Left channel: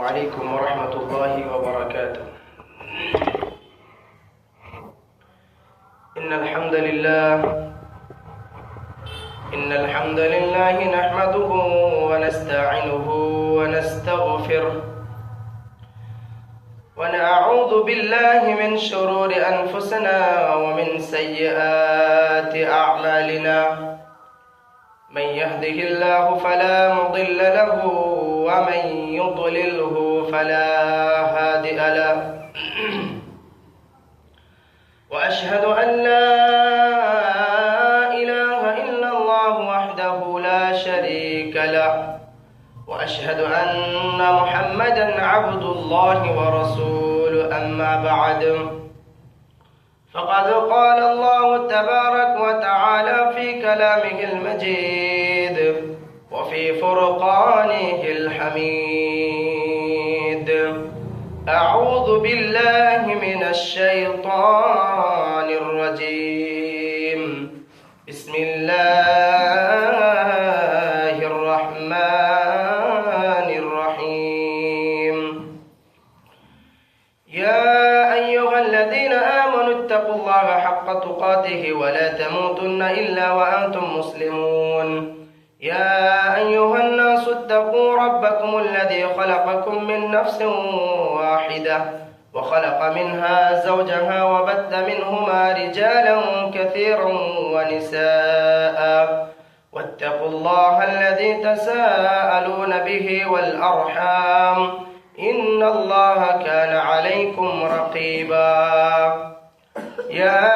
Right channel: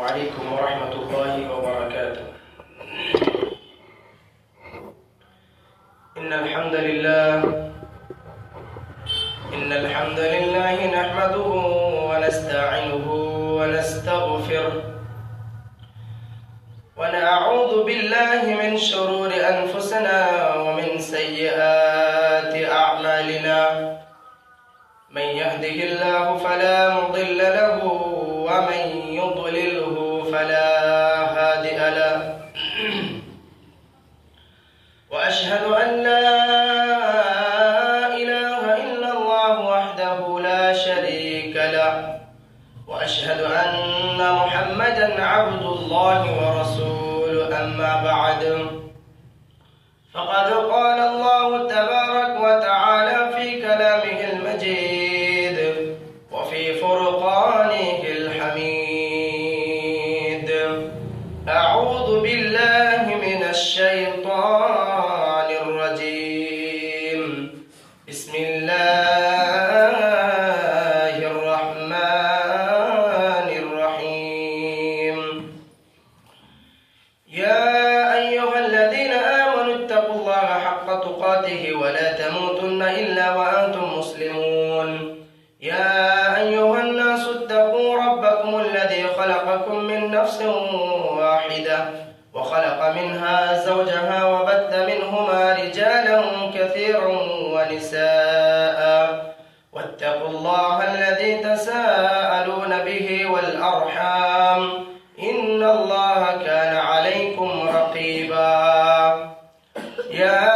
عليكم ورحمة الله وبركاته. إن الحمد لله نحمده ونستعينه ونستغفره ونعوذ بالله من شرور أنفسنا ومن سيئات أعمالنا. من يهده الله فلا مضل له ومن يضلله فلا هادي له. وأشهد أن لا إله إلا الله وحده لا شريك له، وأشهد أن محمدا عبد الله ورسوله. أما بعد، فقد قال الله تبارك وتعالى في كلامه المجيد وفي فرقانه الحميد: أعوذ بالله من الشيطان الرجيم. بسم الله الرحمن الرحيم. يا أيها الذين آمنوا اتقوا الله حق تقاته ولا تموتن إلا وأنتم مسلمون. يا أيها الناس اتقوا ربكم الذي خلقكم من نفس واحدة وخلق منها زوجها وبث منهما رجالا كثيرا ونساء، واتقوا الله الذي تساءلون به والأرحام إن الله كان عليكم رقيبا. يا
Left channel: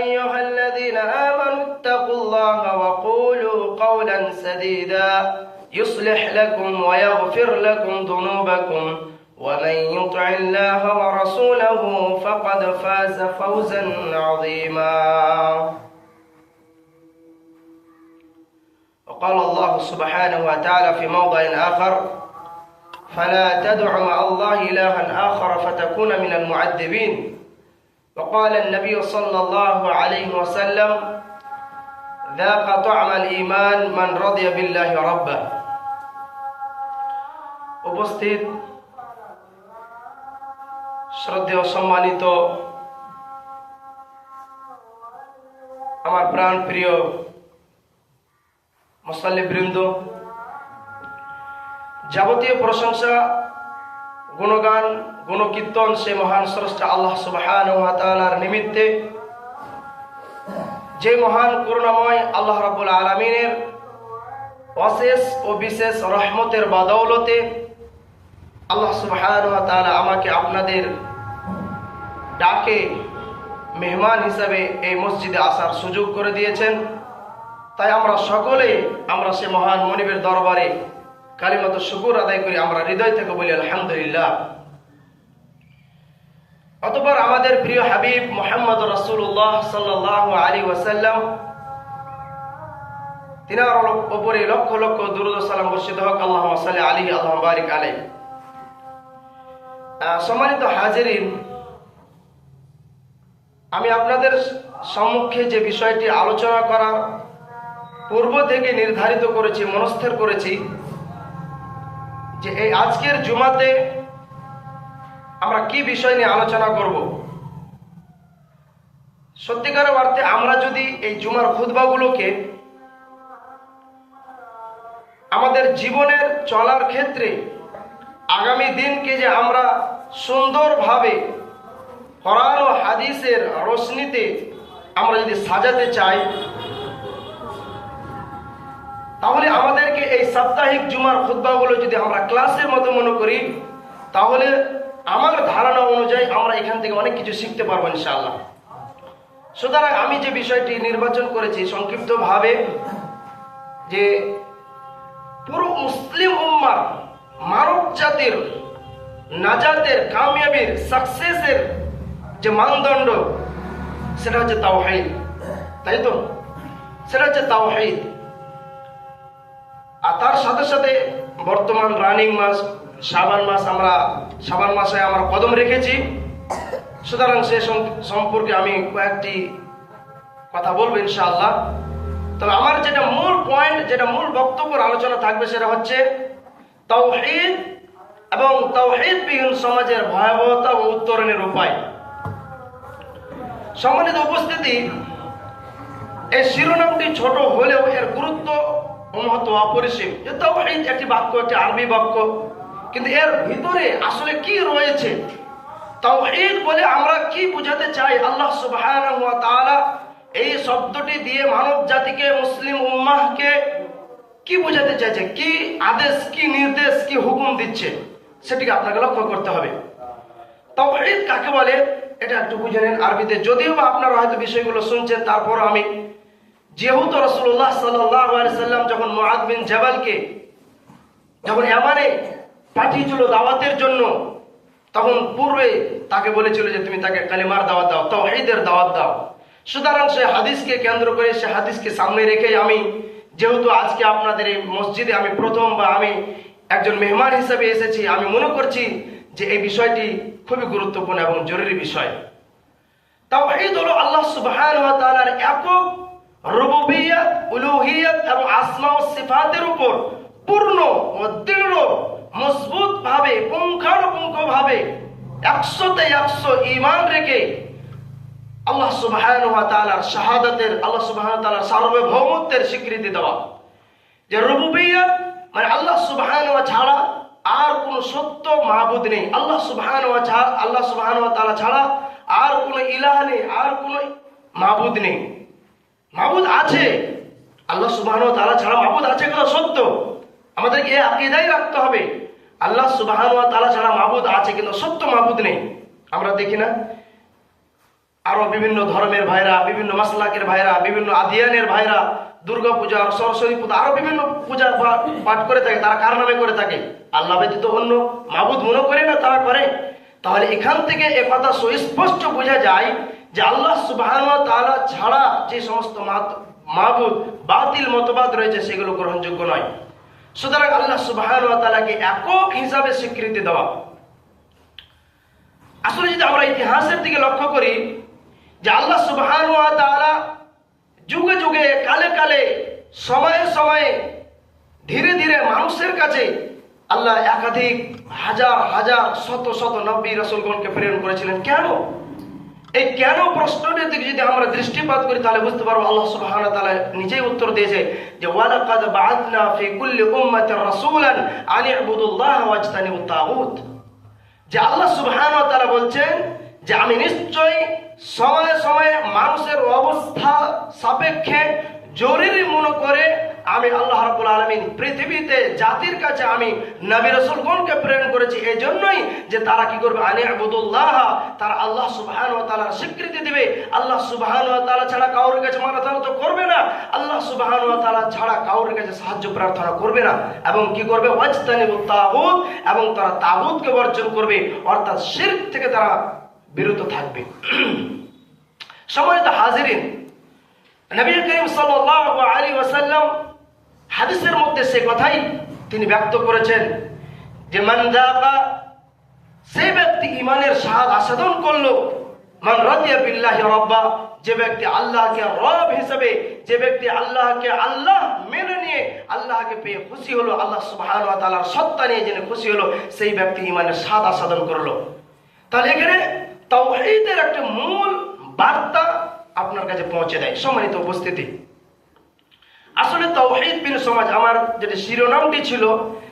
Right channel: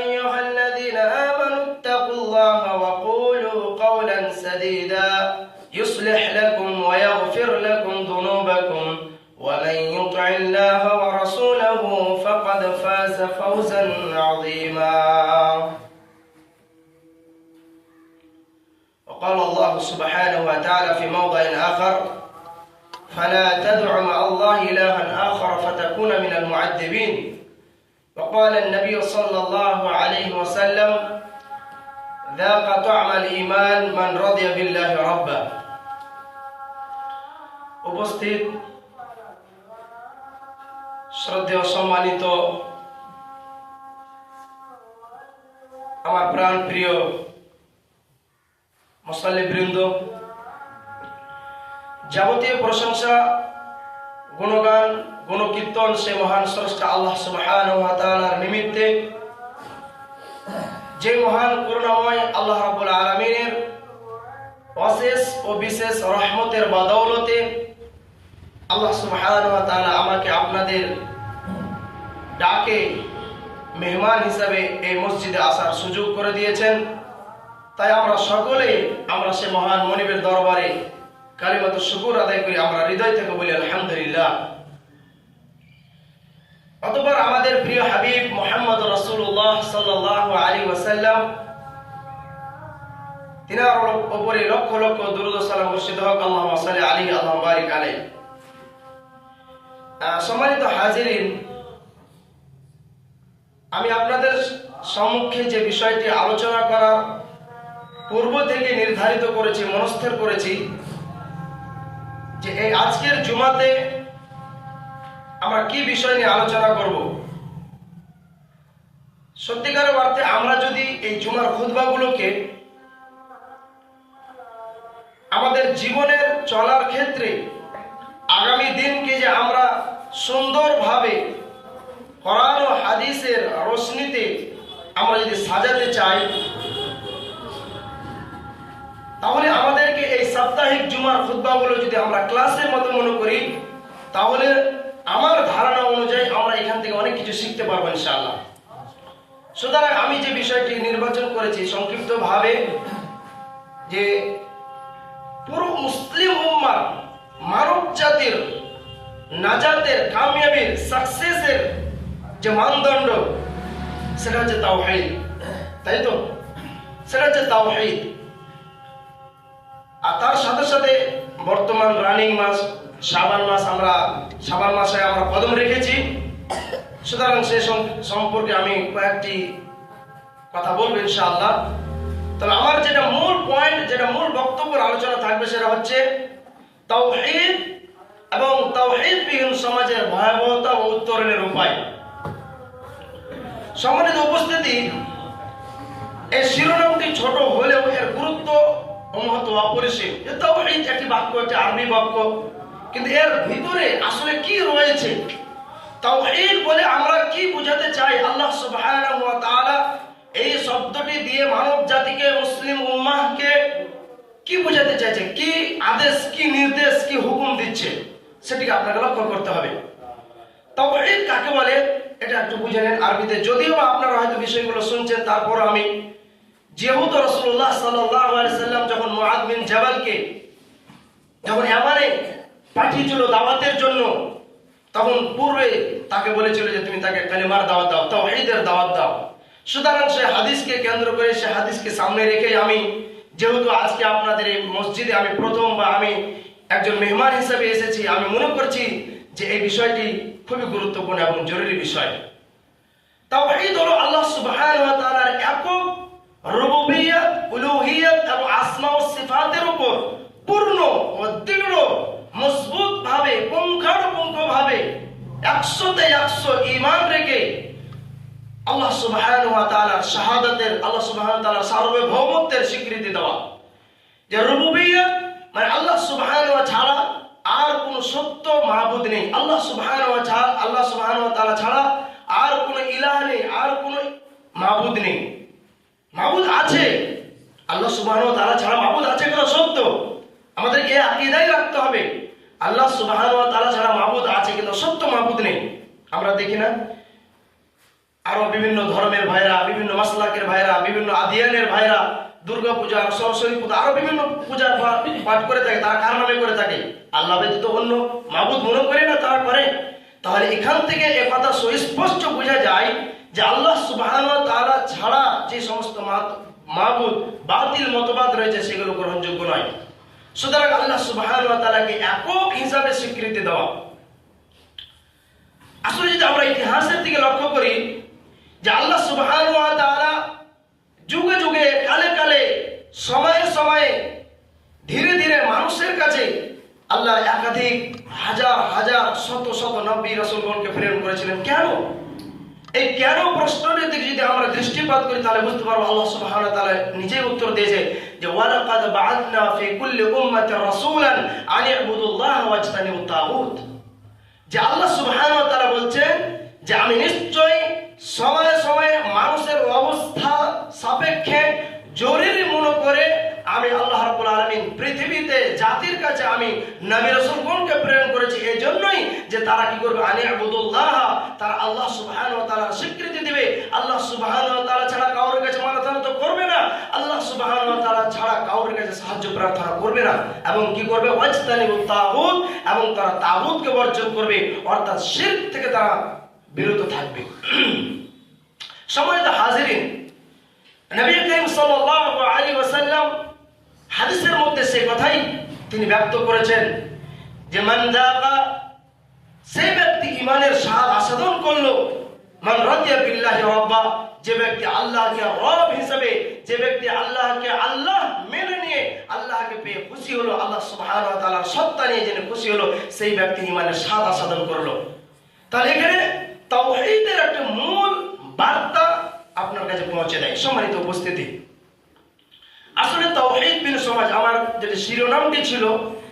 أيها الذين آمنوا اتقوا الله وقولوا قولا سديدا يصلح لكم ويغفر لكم ذنوبكم، ومن يطع الله ورسوله فقد فاز فوزا عظيما. وقال الله سبحانه وتعالى في موضع آخر: فلا تدع مع الله إلها آخر فتكون من المعذبين. وقال النبي صلى الله عليه وسلم: ذاق طعم الإيمان من رضي بالله ربا। উপস্থিত শ্রদ্ধেয় সম্মানিত আমার প্রাণ প্রিয় মুসল্লিবৃন্দ, যাবতীয় প্রশংসা, গুণগান, গুণকীর্তন সে মহান স্রষ্টা আল্লাহ সুবহানাহু ওয়া তাআলার নিমিত্তে, যে মহান করুণাময় আল্লাহ রাব্বুল আলামিনের অশেষ ও বিশেষ রহমতের বদৌলতে আল্লাহ সুবহানাহু ওয়া তাআলা আমাকে আপনাদের ডাকে মেহমান হিসাবে এই মসজিদে আসার সুযোগ করে দিয়েছেন। তাই আমরা সকলে সে মহান মনিবের দরবারে কালিমাত শুকর আদায় করি, আমরা হৃদয় থেকে বলি আলহামদুলিল্লাহ। অতঃপর আমাদের প্রিয় হাবিব মুহাম্মদ রাসূলুল্লাহ সাল্লাল্লাহু আলাইহি ওয়াসাল্লাম, তিনার উপরে লক্ষ লক্ষ দুরূদ ও সালাম বর্ষিত হোক। আল্লাহুম্মা সাল্লি আলাইহি আল্লাহুম্মা বারিক আলাইহি। সম্মানিত হাজিরিন, আমি আপনাদের সম্মুখে যে বিষয়টি আলোচনা করার পূর্ব থেকে নির্ধারিত করেছি, মনস্থির করেছি যে এই আজকের জুমাতে আমরা কি বিষয় নিয়ে আলোচনা করব। সত্যিকারের অর্থে আমরা যদি এই জুমার খুতবাগুলোকে আমাদের জীবনের চলার ক্ষেত্রে আগামী দিনকে যে আমরা সুন্দরভাবে কোরআন ও হাদিসের রোশনীতে আমরা যদি সাজাতে চাই, তাহলে আমাদেরকে এই সাপ্তাহিক জুমার খুতবাগুলো যদি আমরা ক্লাসের মতো মনে করি, তাহলে আমার ধারণা অনুযায়ী আমরা এখান থেকে অনেক কিছু শিখতে পারবো ইনশাআল্লাহ। সুতরাং আমি যে বিষয়টি নির্বাচন করেছি সংক্ষিপ্তভাবে, যে পুরো মুসলিম উম্মাহ, মানব জাতির নাজাতের, কামিয়াবির, সাকসেসের যে মানদণ্ড, সেটা হচ্ছে তাওহীদ। তাই তো? সেটা হচ্ছে তাওহীদ। আর তার সাথে সাথে বর্তমান রানিং মাস শাবান মাস, আমরা শাবান মাসে আমরা কদম রেখেছি। সুতরাং সে সম্পর্কে আমি কয়েকটি কথা বলবো ইনশাআল্লাহ। তবে আমার যেটা মূল পয়েন্ট, যেটা মূল বক্তব্যের আলোচনা থাকবে, সেটা হচ্ছে তাওহীদ এবং তাওহীদবিহীন সমাজের ভয়াবহতা ও উত্তরণের উপায়। সম্মানিত উপস্থিতি, এই শিরোনামটি ছোট হলেও এর গুরুত্ব ও মহত্ব অপরিসীম। তাওহীদ একটি বাক্য, একটি আরবি বাক্য, কিন্তু এর ভিতরে আসলে কি রয়েছে? তাওহীদ বলে আমরা কি বোঝাতে চাই? আল্লাহ সুবহানাহু ওয়া তাআলা এই শব্দটি দিয়ে মানব জাতিকে, মুসলিম উম্মাহকে কি বোঝাতে চাইছে, কি আদেশ, কি নির্দেশ, কি হুকুম দিচ্ছে, সেটিকে আপনাকে লক্ষ্য করতে হবে। তাওহীদ কাকে বলে এটা একটু বুঝে নেন আরবিতে। যদিও আপনারা হয়তো বিষয়গুলো শুনছেন, তারপর আমি, যেহেতু রাসূলুল্লাহ সাল্লাল্লাহু আলাইহি সাল্লাম যখন মুআদ বিন জাবালকে যখন ইয়ামানে পাঠিয়েছিল দাওয়াতের জন্য, তখন পূর্বে তাকে বলেছিল যে তুমি তাকে কালিমার দাওয়াত দাও, তাওহীদের দাওয়াত দাও। সুতরাং সে হাদিসকে কেন্দ্র করে, সে হাদিসকে সামনে রেখে আমি, যেহেতু আজকে আপনাদের এই মসজিদে আমি প্রথম বা আমি একজন মেহমান হিসেবে এসেছি, আমি মনে করছি যে এই বিষয়টি খুবই গুরুত্বপূর্ণ এবং জরুরি বিষয়। তাওহীদ হলো আল্লাহ সুবহানাহু ওয়া তাআলার একক রুবুবিয়্যাত, উলুহিয়্যাত এবং আসমা ও সিফাতের উপর পূর্ণ ও দৃঢ় মজবুত ভাবে, পুঙ্খানুপুঙ্খ ভাবে 100তে 100 ঈমান রেখে আল্লাহ সুবহানাহু ওয়া তাআলার শাহাদাতের, আল্লাহ সুবহানাহু ওয়া তাআলার সার্বভৌমত্বের স্বীকৃতি দেওয়া। যে রুবুবিয়্যাত মানে আল্লাহ সুবহানাহু ওয়া ছাড়া আর কোন সত্য মাবুদ নেই, আল্লাহ সুবহানাহু ওয়া তাআলা ছাড়া আর কোন ইলাহ নেই, আর কোন মাবুদ নেই। মাবুদ আছে, আল্লাহ সুবহানাহু ওয়া তাআলা ছাড়া মাবুদ আছে কোন সত্য, আমাদেরকে এই আকীদাই রাখতে হবে। আল্লাহ সুবহানাহু ওয়া তাআলা ছাড়া মাবুদ আছে, কিন্তু সত্য মাবুদ নেই। আমরা দেখি না আরো বিভিন্ন ধর্মের ভাইরা, বিভিন্ন মাসলাকের ভাইরা, বিভিন্ন আদিয়ানের ভাইরা দুর্গা পূজা, সরস্বতী পূজা, আরো বিভিন্ন পূজা পাঠ করে থাকে, তারা কার নামে করে থাকে? আল্লাহ ব্যতীত অন্য মাবুদ মনে করে না তারা করে। তাহলে এখান থেকে এ কথা সুস্পষ্ট বোঝা যায় যে আল্লাহ সুবহানাহু ওয়া তাআলা ছাড়া যে সমস্ত মাবুদ বাতিল মতবাদ রয়েছে সেগুলো গ্রহণযোগ্য নয়। সুতরাং আল্লাহ সুবহানাহু ওয়া তাআলাকে একক হিসাবে স্বীকৃতি দেওয়া। আসলে যদি আমরা ইতিহাসের দিকে লক্ষ্য করি যে আল্লাহ সুবহানাহু ওয়া তাআলা যুগে যুগে, কালে কালে, সময়ে সময়ে, ধীরে ধীরে মানুষের কাছে আল্লাহ একাধিক হাজার হাজার শত শত নবী রাসূলগণকে প্রেরণ করেছিলেন। কেন? এই কেন প্রশ্নের দিকে যদি আমরা দৃষ্টিপাত করি তাহলে বুঝতে পারবো আল্লাহ সুবহানাহু ওয়া তাআলা নিজেই উত্তর দিয়েছে যে ওয়ালাকাদ বাআথনা ফি কুল্লি উম্মাতিন রাসূলান আন ইবুদুল্লাহ ওয়াজতানিবুত তাগুত। যে আল্লাহ সুবহানাহু ওয়া তাআলা বলছেন যে আমি নিশ্চয়ই সময়ে সময়ে মানুষের অবস্থা সাপেক্ষে জরুরি মনে করে আমি আল্লাহ রাব্বুল আলামিন পৃথিবীতে জাতির কাছে আমি নবী রাসূলগণকে প্রেরণ করেছি, এই জন্যই যে তারা কি করবে? আনি ইবুদুল্লাহ, তারা আল্লাহ সুবহানাহু ওয়া তাআলার স্বীকৃতি দিবে। আল্লাহ সুবহানাহু ওয়া তাআলা ছাড়া কারোর কাছে মাথা নত করবে না, আল্লাহ সুবহানাহু ওয়া তাআলা ছাড়া কারোর কাছে সাহায্য প্রার্থনা করবে না, এবং কি করবে? ওয়াজতানিবুত তাগুত, এবং তারা তাগুতকে বর্জন করবে, অর্থাৎ শিরক থেকে তারা বিরত থাকবে। সম্মানিত হাজিরিন, নবী করিম সাল্লাল্লাহু আলাইহি ওয়াসাল্লাম হাদিসের মধ্যে সে কথাই তিনি ব্যক্ত করেছেন যে মান যাকা, সে ব্যক্তি ঈমানের স্বাদ আস্বাদন করলো, মান রাদিয়া বিল্লাহি রাব্বা, যে ব্যক্তি আল্লাহকে রব হিসেবে, যে ব্যক্তি আল্লাহকে আল্লাহ মেনে নিয়ে আল্লাহকে পেয়ে খুশি হলো, আল্লাহ সুবহানাহু ওয়া তাআলার সত্তা নিয়ে জেনে খুশি হলো, সেই ব্যক্তি ঈমানের স্বাদ আস্বাদন করলো। তাহলে এখানে তাওহীদের একটা মূল বার্তা আপনার কাছে পৌঁছে দেয়। সম্মানিত উপস্থিতি, আসলে তাওহীদবিহীন সমাজ, আমার যেটা শিরোনামটি ছিল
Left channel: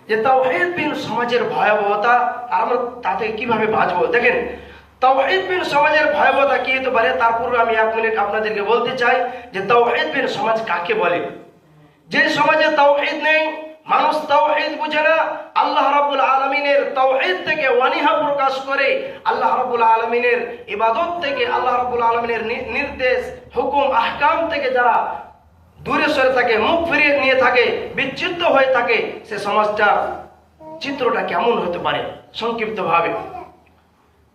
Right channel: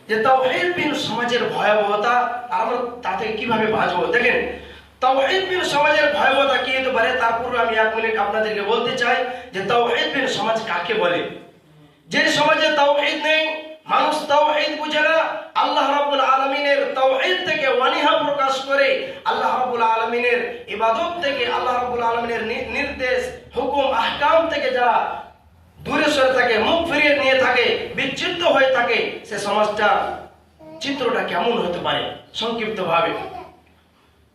যে তাওহীদবিহীন সমাজের ভয়াবহতা, আমরা তাতে কিভাবে বাঁচবো। দেখেন, তাওহীদবিহীন সমাজের ভয়াবহতা কি হতে পারে তার পূর্বে আমি 1 মিনিট আপনাদেরকে বলতে চাই যে তাওহীদবিহীন সমাজ কাকে বলে। যে সমাজে তাওহীদ নেই, মানুষ তাওহীদ বুঝে না, আল্লাহ রাব্বুল আলামিনের তাওহীদ থেকে অনীহা প্রকাশ করে, আল্লাহ রাব্বুল আলামিনের ইবাদত থেকে, আল্লাহ রাব্বুল আলামিনের নির্দেশ, হুকুম, আহকাম থেকে যারা দূরে সরে থাকে, মুখ ফিরিয়ে নিয়ে থাকে, বিচ্ছিন্ন হয়ে থাকে, সে সমাজটা চিত্রটা কেমন হতে পারে? সংক্ষিপ্ত ভাবে,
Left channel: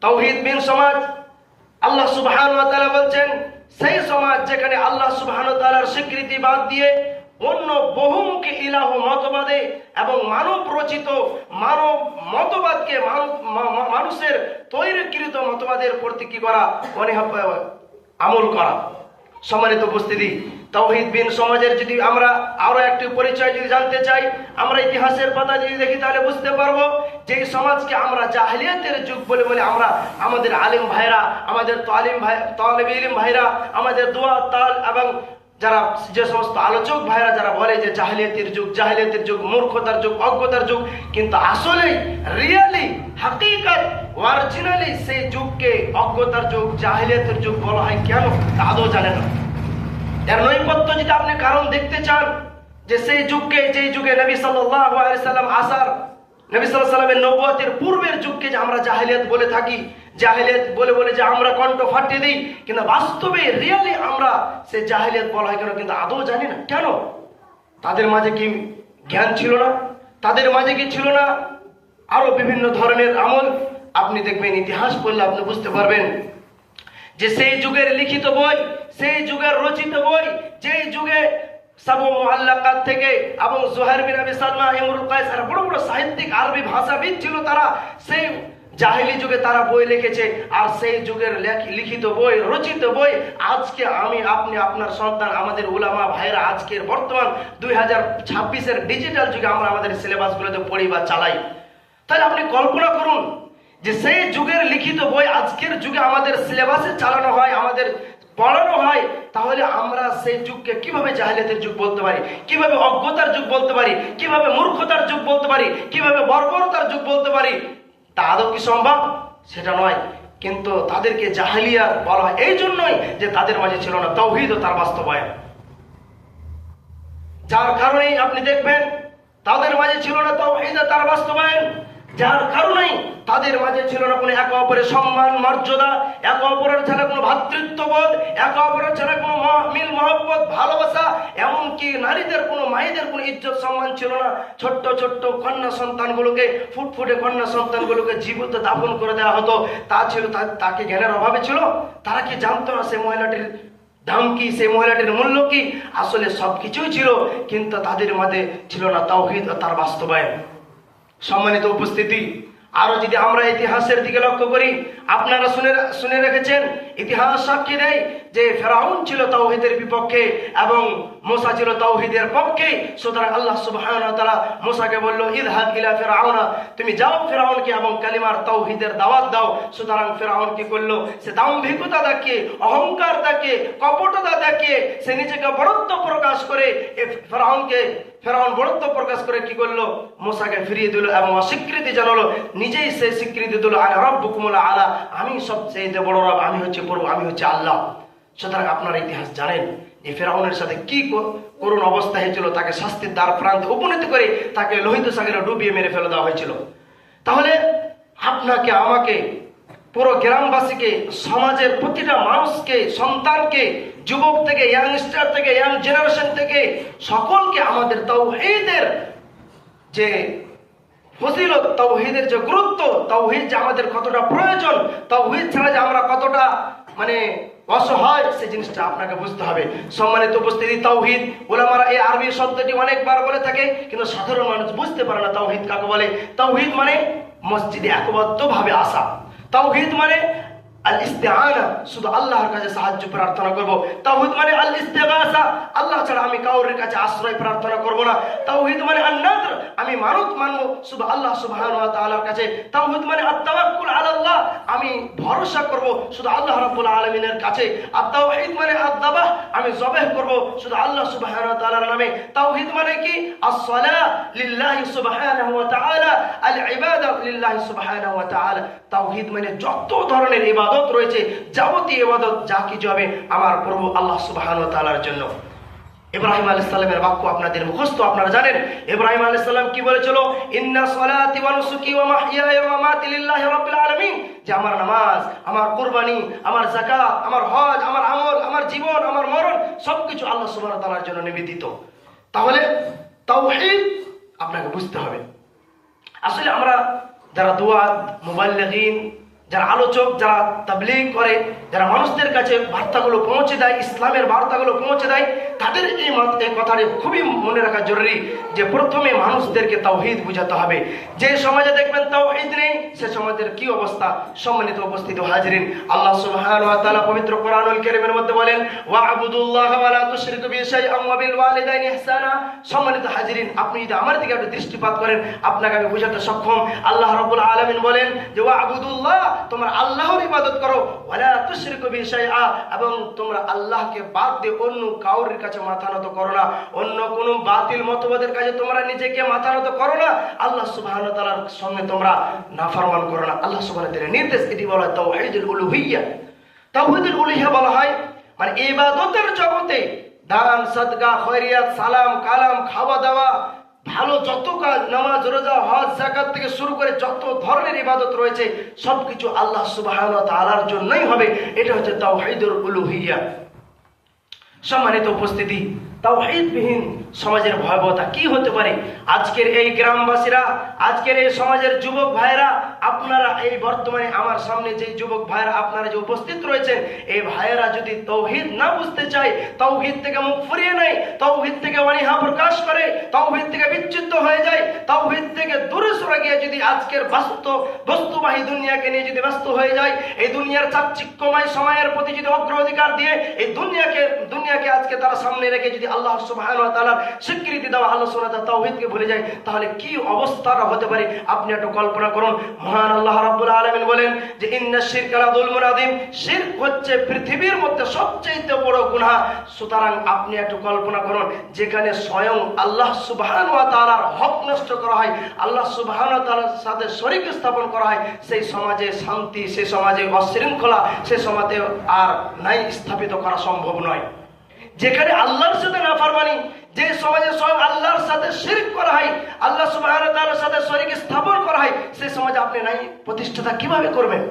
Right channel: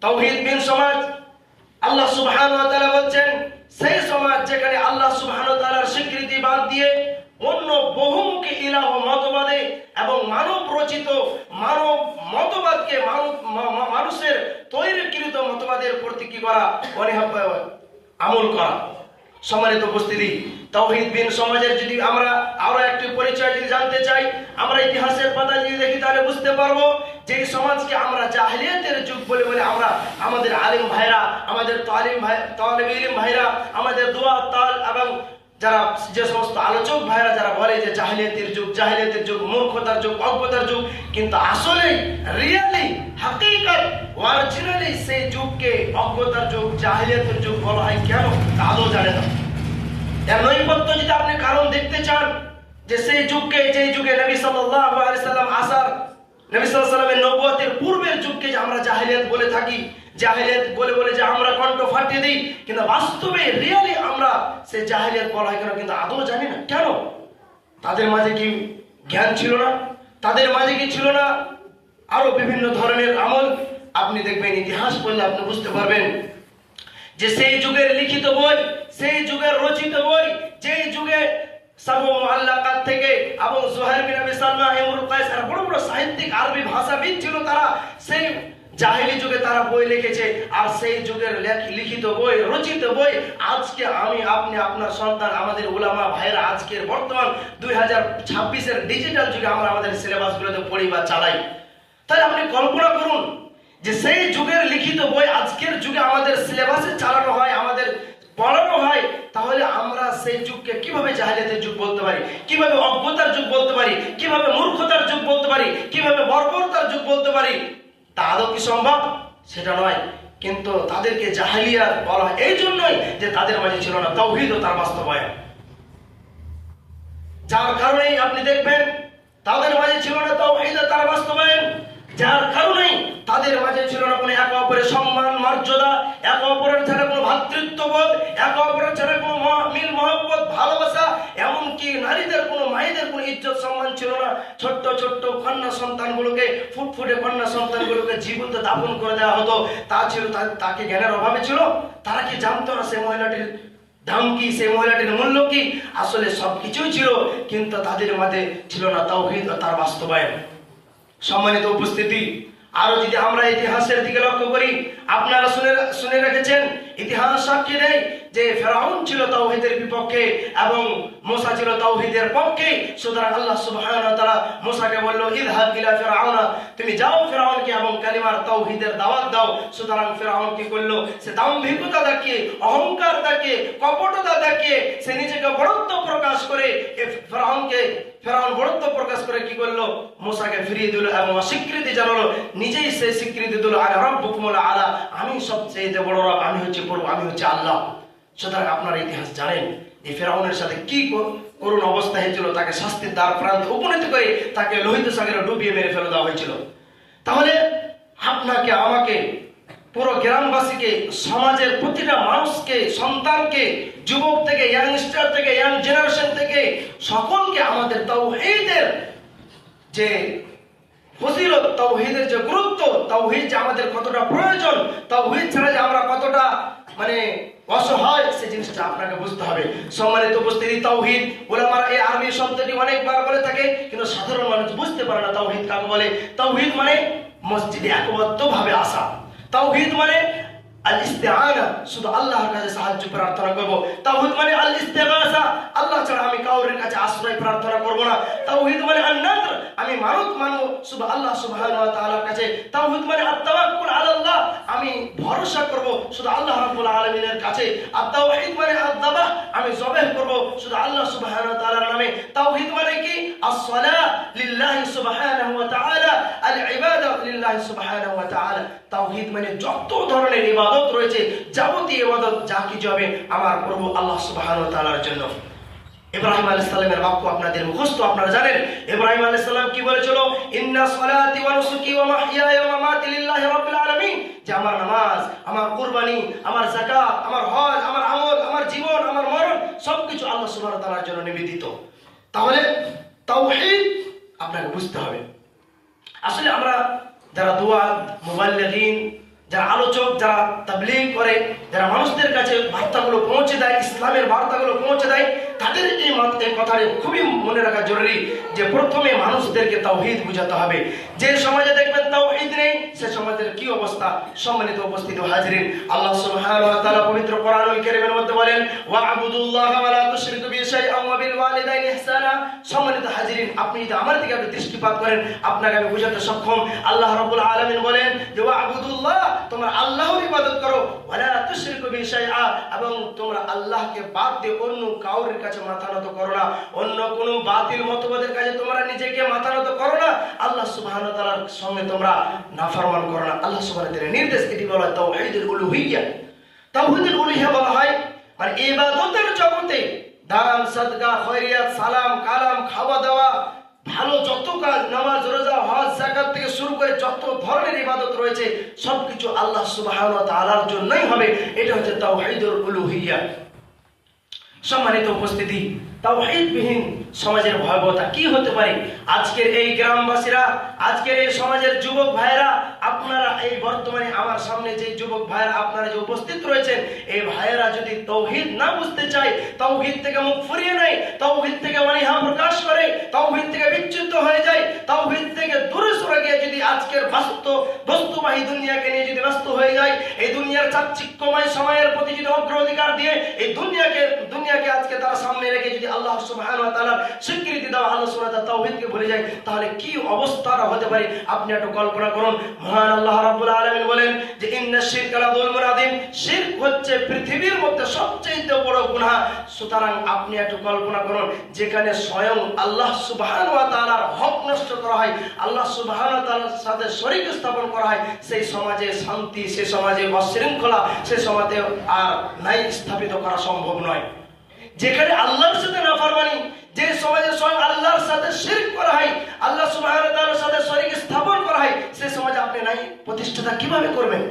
তাওহীদবিহীন সমাজ, আল্লাহ সুবহানাহু ওয়া তাআলা বলছেন সেই সমাজ যেখানে আল্লাহ সুবহানাহু ওয়া তাআলার স্বীকৃতি বাদ দিয়ে অন্য বহুমুখী ইলাহ মতবাদে এবং মানব রচিত মানব মতবাদকে, মানুষের তৈরিকৃত মতবাদের প্রতি কি করা? আমল করা। সম্মানিত উপস্থিতি, তাওহীদবিহীন সমাজের যদি আমরা আরো একটি পরিচয় যদি জানতে চাই, আমরা ইতিহাসের পাতা যদি দেখি তাহলে বুঝতে পারবো যে সমাজকে আমরা জাহেলিয়াতের যুগ বলে বলে আমরা আমাদের আলিম ভাইরা, আমাদের তালিব ইলম ভাইরা, আমাদের দোয়া তাল এবং যারা যে সমস্ত আলোচক ভাইরা যারা বলে যে জাহেলিয়াতের যুগ, মূর্খতার যুগ, অজ্ঞতার যুগ, কিন্তু আসলে রিয়েলি হাকিকত অরিজিনালি সেই যুগকে অজ্ঞতার যুগ, জাহেলিয়াতের যুগ বলা হয় কেন তা আদৌ জানে না। এর নৈপথ্য যদি আপনি কারণ দেখতে চান যে সেই যুগকে, যে যুগে নবী সাল্লাল্লাহু আলাইহি সাল্লাম আসার, নবী সাল্লাল্লাহু আলাইহি সাল্লামের নবুয়তের পূর্বের যুগকে যে আমরা জাহেলিয়াত বলে থাকি, জাহেলিয়াত বলে বলে যে আমরা কণ্ঠ ফাটিয়ে দিই, কিন্তু বাস্তবে রিয়েলি আমরা সেই জাহেলিয়াত বলা হয় কেন কিন্তু আদৌ জানি না। কেন? তাদের মাঝে কি জ্ঞান ছিল না? তাদের মাঝে কি ছিল না আরো বিভিন্ন ধরনের আমল? আপনি দেখবেন ইতিহাস পড়লে আপনি বুঝতে পারবেন যে সেই যুগের লিখিত বই, সেই যুগের রচিত বই, যেই যুগে সাবু মুআল্লাকাত থেকে এবং জুহাইর বিন আবি সালমা, ইমরুল কাইস আর বড় বড় সাহিত্যিক আরবি ভাষাবিদ ছিল, তারা সেই জাহেলি যুগে তারা বই লিখেছে। আর সেই যুগের লিখিত বই, রচিত বই আজকে আমি, আপনি, আপনার সন্তান, আমাদের উলামা ভাইরা আজকের বর্তমান 2026-এর ডিজিটাল যুগে আমরা আমাদের সিলেবাসগুলোতে পড়ি বা চালাই। তাহলে আপনি কল্পনা করুন যে সেই যুগের লিখিত বই আজকের যুগে আমাদের সিলেবাসে চালানো হয়, আমাদের পড়ানো হয়, তাহলে আমরা সেই যুগকে কিভাবে জাহেলিয়াতের যুগ বলতে পারি, কিভাবে অজ্ঞতার যুগ বলতে পারি, কিভাবে মূর্খতার যুগ বলতে পারি, কিভাবে বর্বরতার যুগ বলতে পারি? তা আদৌ কি সম্ভব? সেটা নয়। কিন্তু তাদেরকে জাহেলিয়াত বলা হয় এই জন্যই যে তাদের মাঝে ছিল না তাওহীদ ও তার বাস্তবায়ন। যার কারণেই আপনি দেখবেন তাদের মাঝে ছিল না তাওহীদ ও তার বাস্তবায়ন, যার কারণেই তাদের মাঝে ছিল না কোনো একে অপরের সম্মান মর্যাদা, একে অপরের ছাড়া কোনো ভ্রাতৃত্ববোধ, একে অপরের ছাড়া কোনো মিল মহব্বত ভালোবাসা, এমনকি নারীদের কোনো, মায়েদের কোনো ইজ্জত সম্মান ছিল না। ছোট্ট ছোট্ট কন্যা সন্তানগুলোকে, ফুটফুটে কন্যা সন্তানগুলোকে জীবিত দাফন করে দেওয়া হতো। তা ছিল তাকে জ্ঞানের অভাবে ছিল? তারা কি জানতো না সেই মহিলাটির দাম কি, সেই মহিলাটির মূল্য কি? আসলে সবকিছুই ছিল, কিন্তু তাদের মাঝে ছিল না তাওহীদ ও তার বাস্তবায়ন। সম্মানিত উপস্থিতি, আরো যদি আমরা ইতিহাসের দিকে লক্ষ্য করি, আপনারা শুনে রেখেছেন, ইতিহাস সাক্ষী দেয় যে ফেরাউন ছিল তাওহীদের বিপক্ষে এবং মুসা ছিল তাওহীদের পক্ষে। সুতরাং আল্লাহ সুবহানাহু ওয়া তাআলা মুসাকে বলল, ইযহাব ইলা ফিরআউনা, তুমি যাও ফিরআউনকে এবং কালিমার তাওহীদের দাওয়াত দাও। সুতরাং ফিরআউন কি করলো? সে দাম্ভিকতা দেখিয়ে, অহংকার দেখিয়ে, কপটতা দেখিয়ে, সে নিজেকে বড়ত্ব প্রকাশ করে, ফেরাউন বড়ত্ব প্রকাশ করে কি করলো? মুসাকে ফিরিয়ে দিল এবং অস্বীকৃতি জানালো, নিজেই সে স্বীকৃতি দিল, আনা রাব্বুকুমুল আলা, আমি সবচেয়ে বড় রব, আমি হচ্ছে প্রভু, আমি হচ্ছে আল্লাহ। সুতরাং আপনারা ইতিহাস জানেন যে ফেরাউনের সাথে কি করুণ অবস্থা হয়েছিল, তাকে শাস্তির দ্বার প্রান্তে উপনীত করে তাকে লোহিত সাগরে ডুবিয়ে মেরে ফেলে দেওয়া হয়েছিল। তাহলে আপনাকে, আমাকে, পুরো গ্রামবাসীকে, সমাজের প্রতিটা মানুষকে, সন্তানকে, যুবক থেকে ইয়াংস্টার থেকে ইয়াং জেনারেশন থেকে সকলকে আমাদের তাওহীদের যে ফজিলত, তাওহীদের যে গুরুত্ব, তাওহীদ যে আমাদের কতটা প্রয়োজন, তাওহীদ ছাড়া যে আমরা কতটা অসহায়, সেই জিনিসটা আপনাকে বুঝতে হবে। সম্মানিত উপস্থিতি, তাওহীদ উলামারা এই আরবি শব্দটি অনেকবার বলে থাকে, কিন্তু সাধারণ মানুষ বুঝতে পারে না তাওহীদ কাকে বলে। তাওহীদ মানে মসজিদে একবদ্ধভাবে আসা। তাওহীদ মানে আল ইস্তিআনা, শুধু আল্লাহর কাছে সাহায্য প্রার্থনা করব। তাওহীদ মানে আল ইস্তিগাসা, আল্লাহ ছাড়া আমি কাউরের কাছে আশ্রয় প্রার্থনা করব না। তাওহীদ মানে আন নাযর, আমি মানত মানব শুধু আল্লাহ সুবহানাহু ওয়া তাআলার কাছে। তাওহীদ মানে আত তাওয়াক্কুল আলাল্লাহ, আমি ভরসা করব শুধু আল্লাহ রাব্বুল আলামিনের কাছে। আর তাওহীদ মানে আদ-দাবাহ, আমি জবাহ করব শুধু আল্লাহ সুবহানাহু ওয়া তাআলার নামে। তাওহীদ মানে কি? as-সালাহ লিল্লাহি সুবহানাহু ওয়া তাআলা, আল-ইবাদা লিল্লাহি সুবহানাহু ওয়া তাআলা। তাওহীদ মানে যত ধরনের ইবাদত রয়েছে, যাবতীয় ইবাদত যা কিছু হবে আমার প্রভু আল্লাহ সুবহানাহু ওয়া তাআলার জন্য। ইব্রাহিম আলাইহিস সালামের বাক্য আপনাদের মুখস্থ, আপনারা জানেন ইব্রাহিম আলাইহিস সালাম কি বলেছিল? ইন্না সলাতি ওয়া নুসুকি ওয়া মাহইয়ায়া ওয়া মামাতি লিল্লাহি রাব্বিল আলামিন, যে আমার নামাজ, আমার কুরবানি, আমার যাকাত, আমার হজ, আমার আমল, আমার জীবন, আমার মরণ সবকিছু আল্লাহ সুবহানাহু ওয়া তাআলার জন্য নিবেদিত। তাহলে তাওহীদ আপনাকে বুঝতে হবে। আসলে আমরা যারা দুআত, মুবাল্লিগিন, যারা আলোচক, যারা তাবলীগ করে, যারা মানুষদের কাছে বার্তাগুলো পৌঁছে দেয়, ইসলামের বার্তাগুলো পৌঁছে দেয়, তাদের এই কথাটি খুবই মনে রাখা জরুরি যে প্রথমে মানুষদেরকে তাওহীদ বুঝাতে হবে। যে সমাজে দেখবেন তাওহীদ নেই, সে সমাজের কি অবস্থা। সম্মানিত উপস্থিত হাজিরিন, আল্লাহ সুবহানাহু ওয়া তাআলা পবিত্র কোরআনুল কারীমের মধ্যে বলেন, ওয়া'বুদুল্লাহা ওয়া লা তুশরিকু বিহি শাইআন ওয়া বিল ওয়ালিদাইনি ইহসানা। সম্মানিত হাজিরিন, আপনি যদি আমার দিকে একটু দৃষ্টিপাত করেন, আপনাকে আমি বোঝাতে সক্ষম। আল্লাহ রাব্বুল আলামিন বলেন যে ওয়া'বুদুল্লাহ, তোমরা আল্লাহর ইবাদত করো, ওয়া লা তুশরিকু বিহি শাইআ, এবং তোমরা আল্লাহকে বাদ দিয়ে অন্য কাউরির কাছে মাথা নত করো না, অন্য কোনো বাতিল মতবাদের কাছে তোমরা নিজেকে মাথা নত করো না, আল্লাহ সুবহানাহু ওয়া তাআলার সঙ্গে তোমরা নাফরমান করো না। আল্লাহ সুবহানাহু ওয়া তাআলার নির্দেশ, এটি বলা হয় তাওহীদুল উলুহিয়্যাহ। তাওহীদুল উলুহিয়্যাহ বলা হয় মানে ইবাদতের জগতে দান, সাদকা, খয়রিয়াত, সালাম কালাম, খাওয়া দাওয়া, ভালো যত কাজ, নামাজ, রোজা, হজ, যাকাত থেকে শুরু করে যত ধরনের ইবাদত রয়েছে সবকিছু আল্লাহ সুবহানাহু ওয়া তাআলার জন্যই হবে। এটা হচ্ছে তাওহীদুল উলুহিয়্যাহ। সম্মানিত উপস্থিতি, তাওহীদবিহীন সমাজের ভয়াবহতা কি হতে পারে। আজকের এই গ্রামবাসীরা, আজকের এই সমাজের যুবক ভাইরা, আপনারা এই বর্তমানে আমার সামনে যে যুবক ভাইরা আপনারা যে উপস্থিত রয়েছেন, এই ভাইয়েরা যদি তাওহীদ না বুঝতে চায়, তাওহীদ থেকে মুখ ফিরিয়ে নেয়, তাওহীদ থেকে অনীহা প্রকাশ করে, তাওহীদ থেকে বিচ্যুত হয়ে যায়, তাওহীদ থেকে দূরে সরে গিয়ে যদি আজকের বস্তুবাহী দুনিয়াকে নিয়ে যদি ব্যস্ত হয়ে যায়, এই দুনিয়ার চাকচিক্যময় সময়ের প্রতি যদি অগ্রাধিকার দিয়ে এই দুনিয়াকে আজকে তার সামনে রেখে যদি আল্লাহ সুবহানাহু ওয়া তাআলার স্বীকৃতি দেওয়া, আল্লাহ সুবহানাহু ওয়া তাআলার তাওহীদকে ভুলে যায়, তাহলে কি অবস্থাটা হতে পারে আপনি একটু কল্পনা করুন। মহান আল্লাহ রাব্বুল আলামিন বলেন যে ইন্নাশ শিরকা লাযুলমুন আযীম, শিরক হচ্ছে পৃথিবীর মধ্যে সবচেয়ে বড় গুনাহ। সুতরাং আপনি একটু কল্পনা করুন, যেখানে স্বয়ং আল্লাহ সুবহানাহু ওয়া তাআলার হক নষ্ট করা হয়, আল্লাহ সুবহানাহু ওয়া তাআলার সাথে শরীক স্থাপন করা হয়, সেই সমাজে শান্তি, সেই সমাজে অশৃঙ্খলা, সেই সমাজে আর নাই স্থাপিত করা সম্ভব নয়। যেখানে আল্লাহর সাথে নাফরমানি, যে সমাজে স্বয়ং আল্লাহর সাথে শিরক করা হয়, আল্লাহ সুবহানাহু ওয়া তাআলার সাথে শরীক স্থাপন করা হয়, সেই সমাজে আপনি নাই প্রতিষ্ঠাতা কিভাবে করবেন?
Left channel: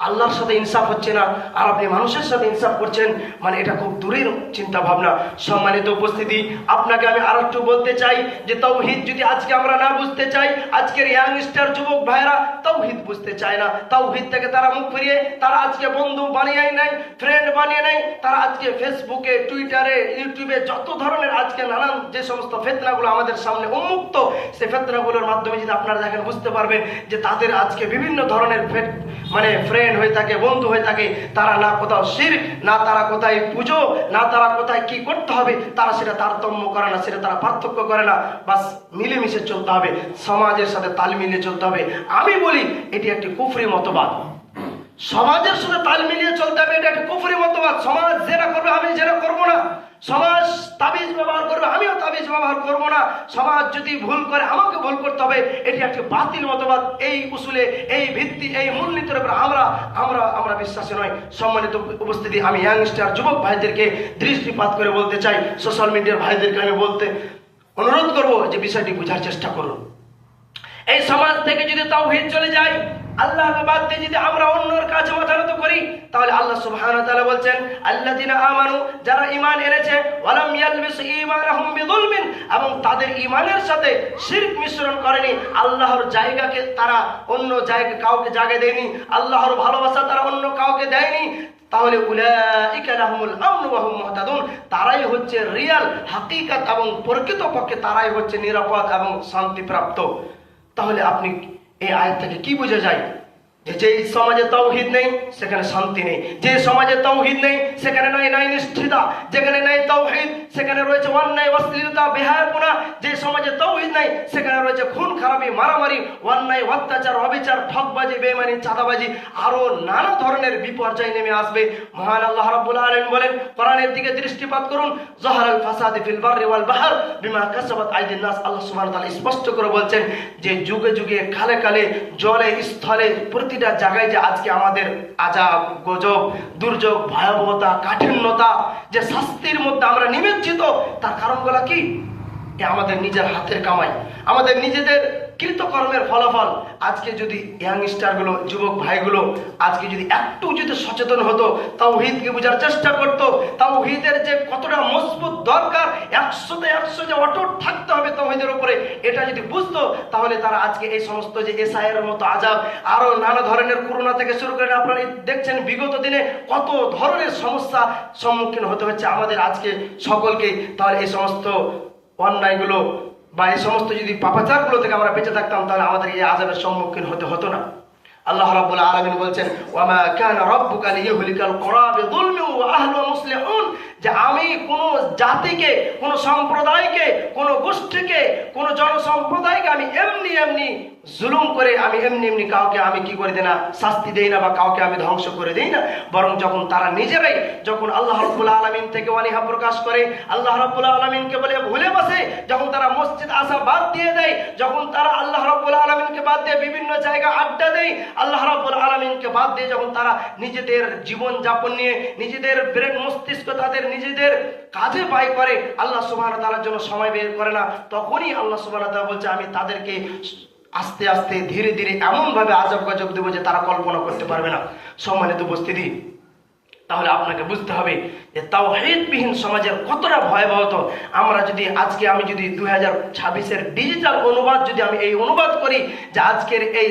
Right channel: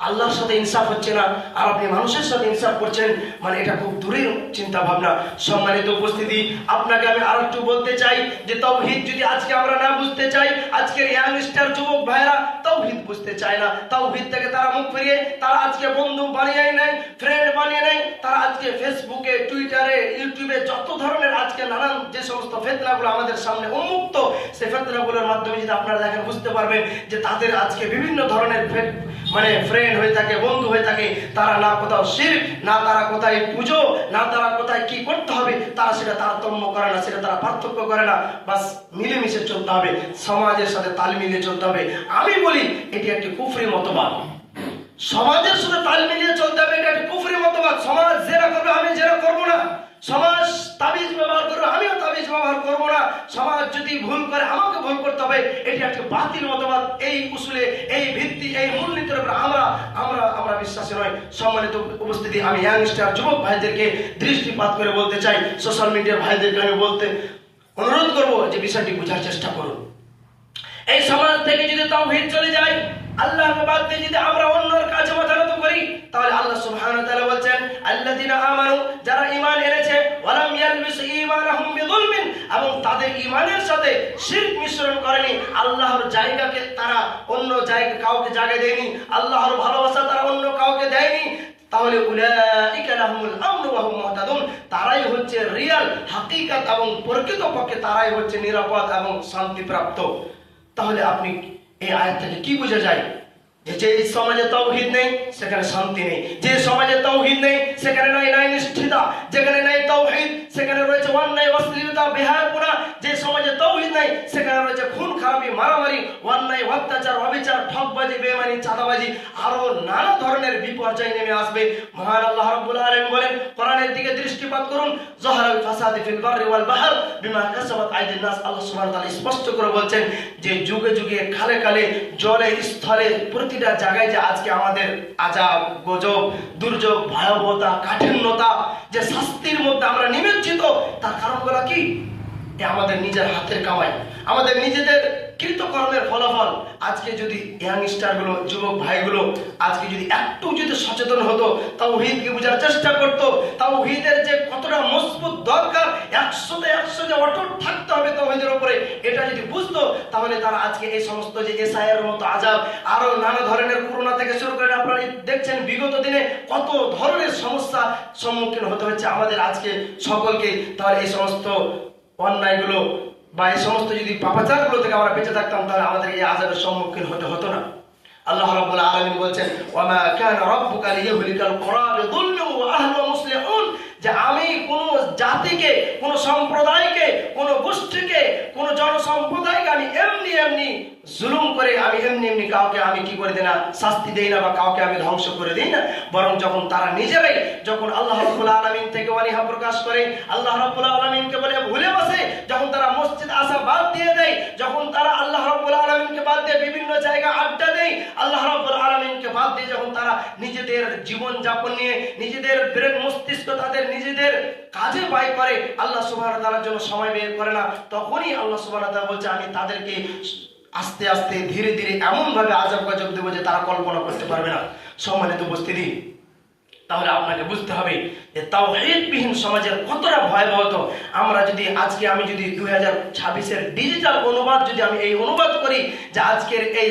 আল্লাহর সাথে ইনসাফ হচ্ছে না আর আপনি মানুষের সাথে ইনসাফ করছেন, মানে এটা খুব দূরের চিন্তা ভাবনা। সম্মানিত উপস্থিতি, আপনাকে আমি আর একটু বলতে চাই যে তাওহীদ যদি আজকে আমরা না বুঝতে চাই, আজকের ইয়াংস্টার যুবক ভাইরা তাওহীদ বুঝতে চায় না, তাওহীদ থেকে তারা মুখ ফিরিয়ে তারা আজকে বন্ধু বানিয়ে নেয়, ফ্রেন্ড বানিয়ে নেয়, তারা আজকে ফেসবুকে, টুইটারে, ইউটিউবে যত ধরনের আজকে নানান যে সমস্ত ফিতনাগুলো আমাদের সামনে উন্মুক্ত, সেই ফিতনাগুলোর মাধ্যমে যদি আপনারা দেখেন বুঝতে পারবেন যে তাদের আজকে বিভিন্ন ধরনের ফ্রেন্ড হয়ে থাকে, বন্ধু হয়ে থাকে, তারা না কোথাও শিরক, না তারা কোথায় পুজো, না তারা কোথায় কি করতে হবে, তারা সেটা তারতম্য করে না, সেটা তারা পার্থক্য করে না, বাস মিলেমিশে চলতে হবে, সমাজের সাথে তাল মিলিয়ে চলতে হবে। আমি বলি এটি একটি কুফরি মতবাদ, সমাজের সাথে তাল মিলিয়ে চলতে হবে, এটা একটি কুফরি মতবাদ। সমাজ জেরা করবে, আমি জেরা করবো না, সমাজ তাবিজ ব্যবহার করবে, আমিও তাবিজ ব্যবহার করবো না, সমাজ যদি ভুল করে আমাকে ভুল করতে হবে, এটি একটি বাতিল মতবাদ। এই উসুলে, এই ভিত্তি, এই মূলনীতির উপর আমরা বিশ্বাসী নয়। সম্মানিত উপস্থিতি, আমি ইয়াংস্টার যুবক ভাইদেরকে দৃষ্টিপাত করে বলতে চাই, সোশ্যাল মিডিয়ার ভাইদেরকে আমি বলতে অনুরোধ করবো যে বিষয়টি বোঝার চেষ্টা করুন। এই সমাজ থেকে যদি তাওহীদ চলে যায়, আল্লাহকে বাদ দিয়ে যদি আমরা অন্যের কাছে মাথানত করি, তাহলে আল্লাহ সুবহানাহু ওয়া তাআলা বলছেন আল্লাযিনা আমানু, যারা ঈমান এনেছে, ওয়ালাম ইয়ালবিসু ঈমানাহুম বিযুলমিন, এবং তাদের ঈমানের সাথে শিরক মিশ্রণ করেনি, আল্লাহর জায়গাকে তারা অন্য জায়গায় কাউকে জায়গা দেয়নি, আল্লাহর ভালোবাসা তারা অন্য কাউকে দেয়নি, তাহলে উলাইকা লাহুমুল আমনু ওয়া হুম মুহতাদুন, তারাই হচ্ছে রিয়াল হাকিকত এবং প্রকৃতপক্ষে তারাই হচ্ছে নিরাপদ এবং শান্তিপ্রাপ্ত। তাহলে আপনি এই আয়াত থেকে কি বোঝা যায়? যে সমাজে তাওহীদ নেই সেখানে শান্তি নেই, যে সমাজে তাওহীদ নেই সেখানে নাই নিষ্ঠিতা, যেখানে নাই তাওহীদ সেখানে রয়েছে অন্যায়, অশ্লীলতা, বেহায়াপনা, যে সমাজে তাওহীদ নেই সেখানে রয়েছে খুন খারাপি, মারামারি, অন্যায়, অত্যাচার, অবিচার, ঠকবাজি, বেঈমানি, চাঁদাবাজি, আরো নানা ধরনের বিপর্যয় নেমে আসবে। মহান আল্লাহ রাব্বুল আলামিন বলেন, কোরআনের দিকে দৃষ্টিপাত করুন, যাহারাল ফাসাদু ফিল বাররি ওয়াল বাহর বিমা কাসাবাত আইদিন নাস, আল্লাহ সুবহানাহু ওয়া তাআলা স্পষ্ট করে বলছেন যে যুগে যুগে, কালে কালে, জলে স্থলে, প্রতিটা জায়গায় যে আজকে আমাদের আযাব, গজব, দুর্যোগ, ভয়াবহতা, কাঠিন্যতা, যে শাস্তির মধ্যে আমরা নিমজ্জিত, তার কারণগুলো কি? আমাদের নিজের হাতের কামাই, আমাদের নিজেদের কৃতকর্মের ফলাফল। আজকে যদি ইয়াংস্টার গুলো, যুবক ভাইগুলো আজকে যদি একটু যদি সচেতন হতো, তাওহীদকে বোঝার চেষ্টা করতো, তাওহীদের যে কতটা মজবুত দরকার, 100তে 100 যে অটুট থাকতে হবে তাওহীদের উপরে, এটা যদি বুঝতো, তাহলে তারা আজকে এই সমস্ত যে এসআইয়ের মতো আযাব, আরো নানা ধরনের করোনা থেকে শুরু করে আপনারা দেখছেন বিগত দিনে কত ধরনের সমস্যা সম্মুখীন হতে হচ্ছে আমাদের আজকে সকলকে, তাহলে এই সমস্ত অন্যায়গুলো বা এই সমস্ত যদি পাপাচারগুলো থেকে আমরা বেঁচে থাকতাম, তাহলে আমাদের এই আযাবের সম্মুখীন হতে হতো না। আল্লাহ রাব্বুল আলামিন বলছেন, ওয়ামা কানা রাব্বুকা লিইহলিকাল কুরা বিযুলমিন ওয়া আহলুহা মুসলিহুন, যে আমি কোন জাতিকে, কোন সম্প্রদায়কে, কোন গোষ্ঠীকে, কোন জনসম্প্রদায়কে আমি এমনি এমনি জুলুম করে আমি এমনি কাউকে আমি কি করে দিই না, শাস্তি দেই না, বা কাউকে আমি ধ্বংস করে দিই না। বরং যখন তারা নিজেরাই যখন আল্লাহ রাব্বুল আলামিন থেকে অনীহা প্রকাশ করে, আল্লাহ রাব্বুল আলামিনকে বলে ভুলে বসে, যখন তারা মসজিদ আসা বাদ দিয়ে দেয়, যখন তারা আল্লাহ রাব্বুল আলামিনকে বাদ দিয়ে বিভিন্ন জায়গায় আড্ডা দেয়, আল্লাহ রাব্বুল আলামিনকে বাদ দিয়ে যখন তারা নিজেদের জীবন যাপন নিয়ে নিজেদের ব্রেন মস্তিষ্ক তাদের নিজেদের কাজে ব্যয় করে, আল্লাহ সুবহানাহু ওয়া তাআলার জন্য সময় বের করে না, তখনই আল্লাহ সুবহানাহু ওয়া তাআলা বলছে আমি তাদেরকে আস্তে আস্তে ধীরে ধীরে এমন ভাবে আযাব গজব দেব যে তারা কল্পনা করতে পারবে না। সম্মানিত উপস্থিতি, তাহলে আপনাকে বুঝতে হবে যে তাওহীদবিহীন সমাজের কতটা ভয়াবহতা। আমরা যদি আজকে আমি যদি 2026-এর ডিজিটাল অনুবাদ যদি আমি এই অনুবাদ করি যে আজকের এই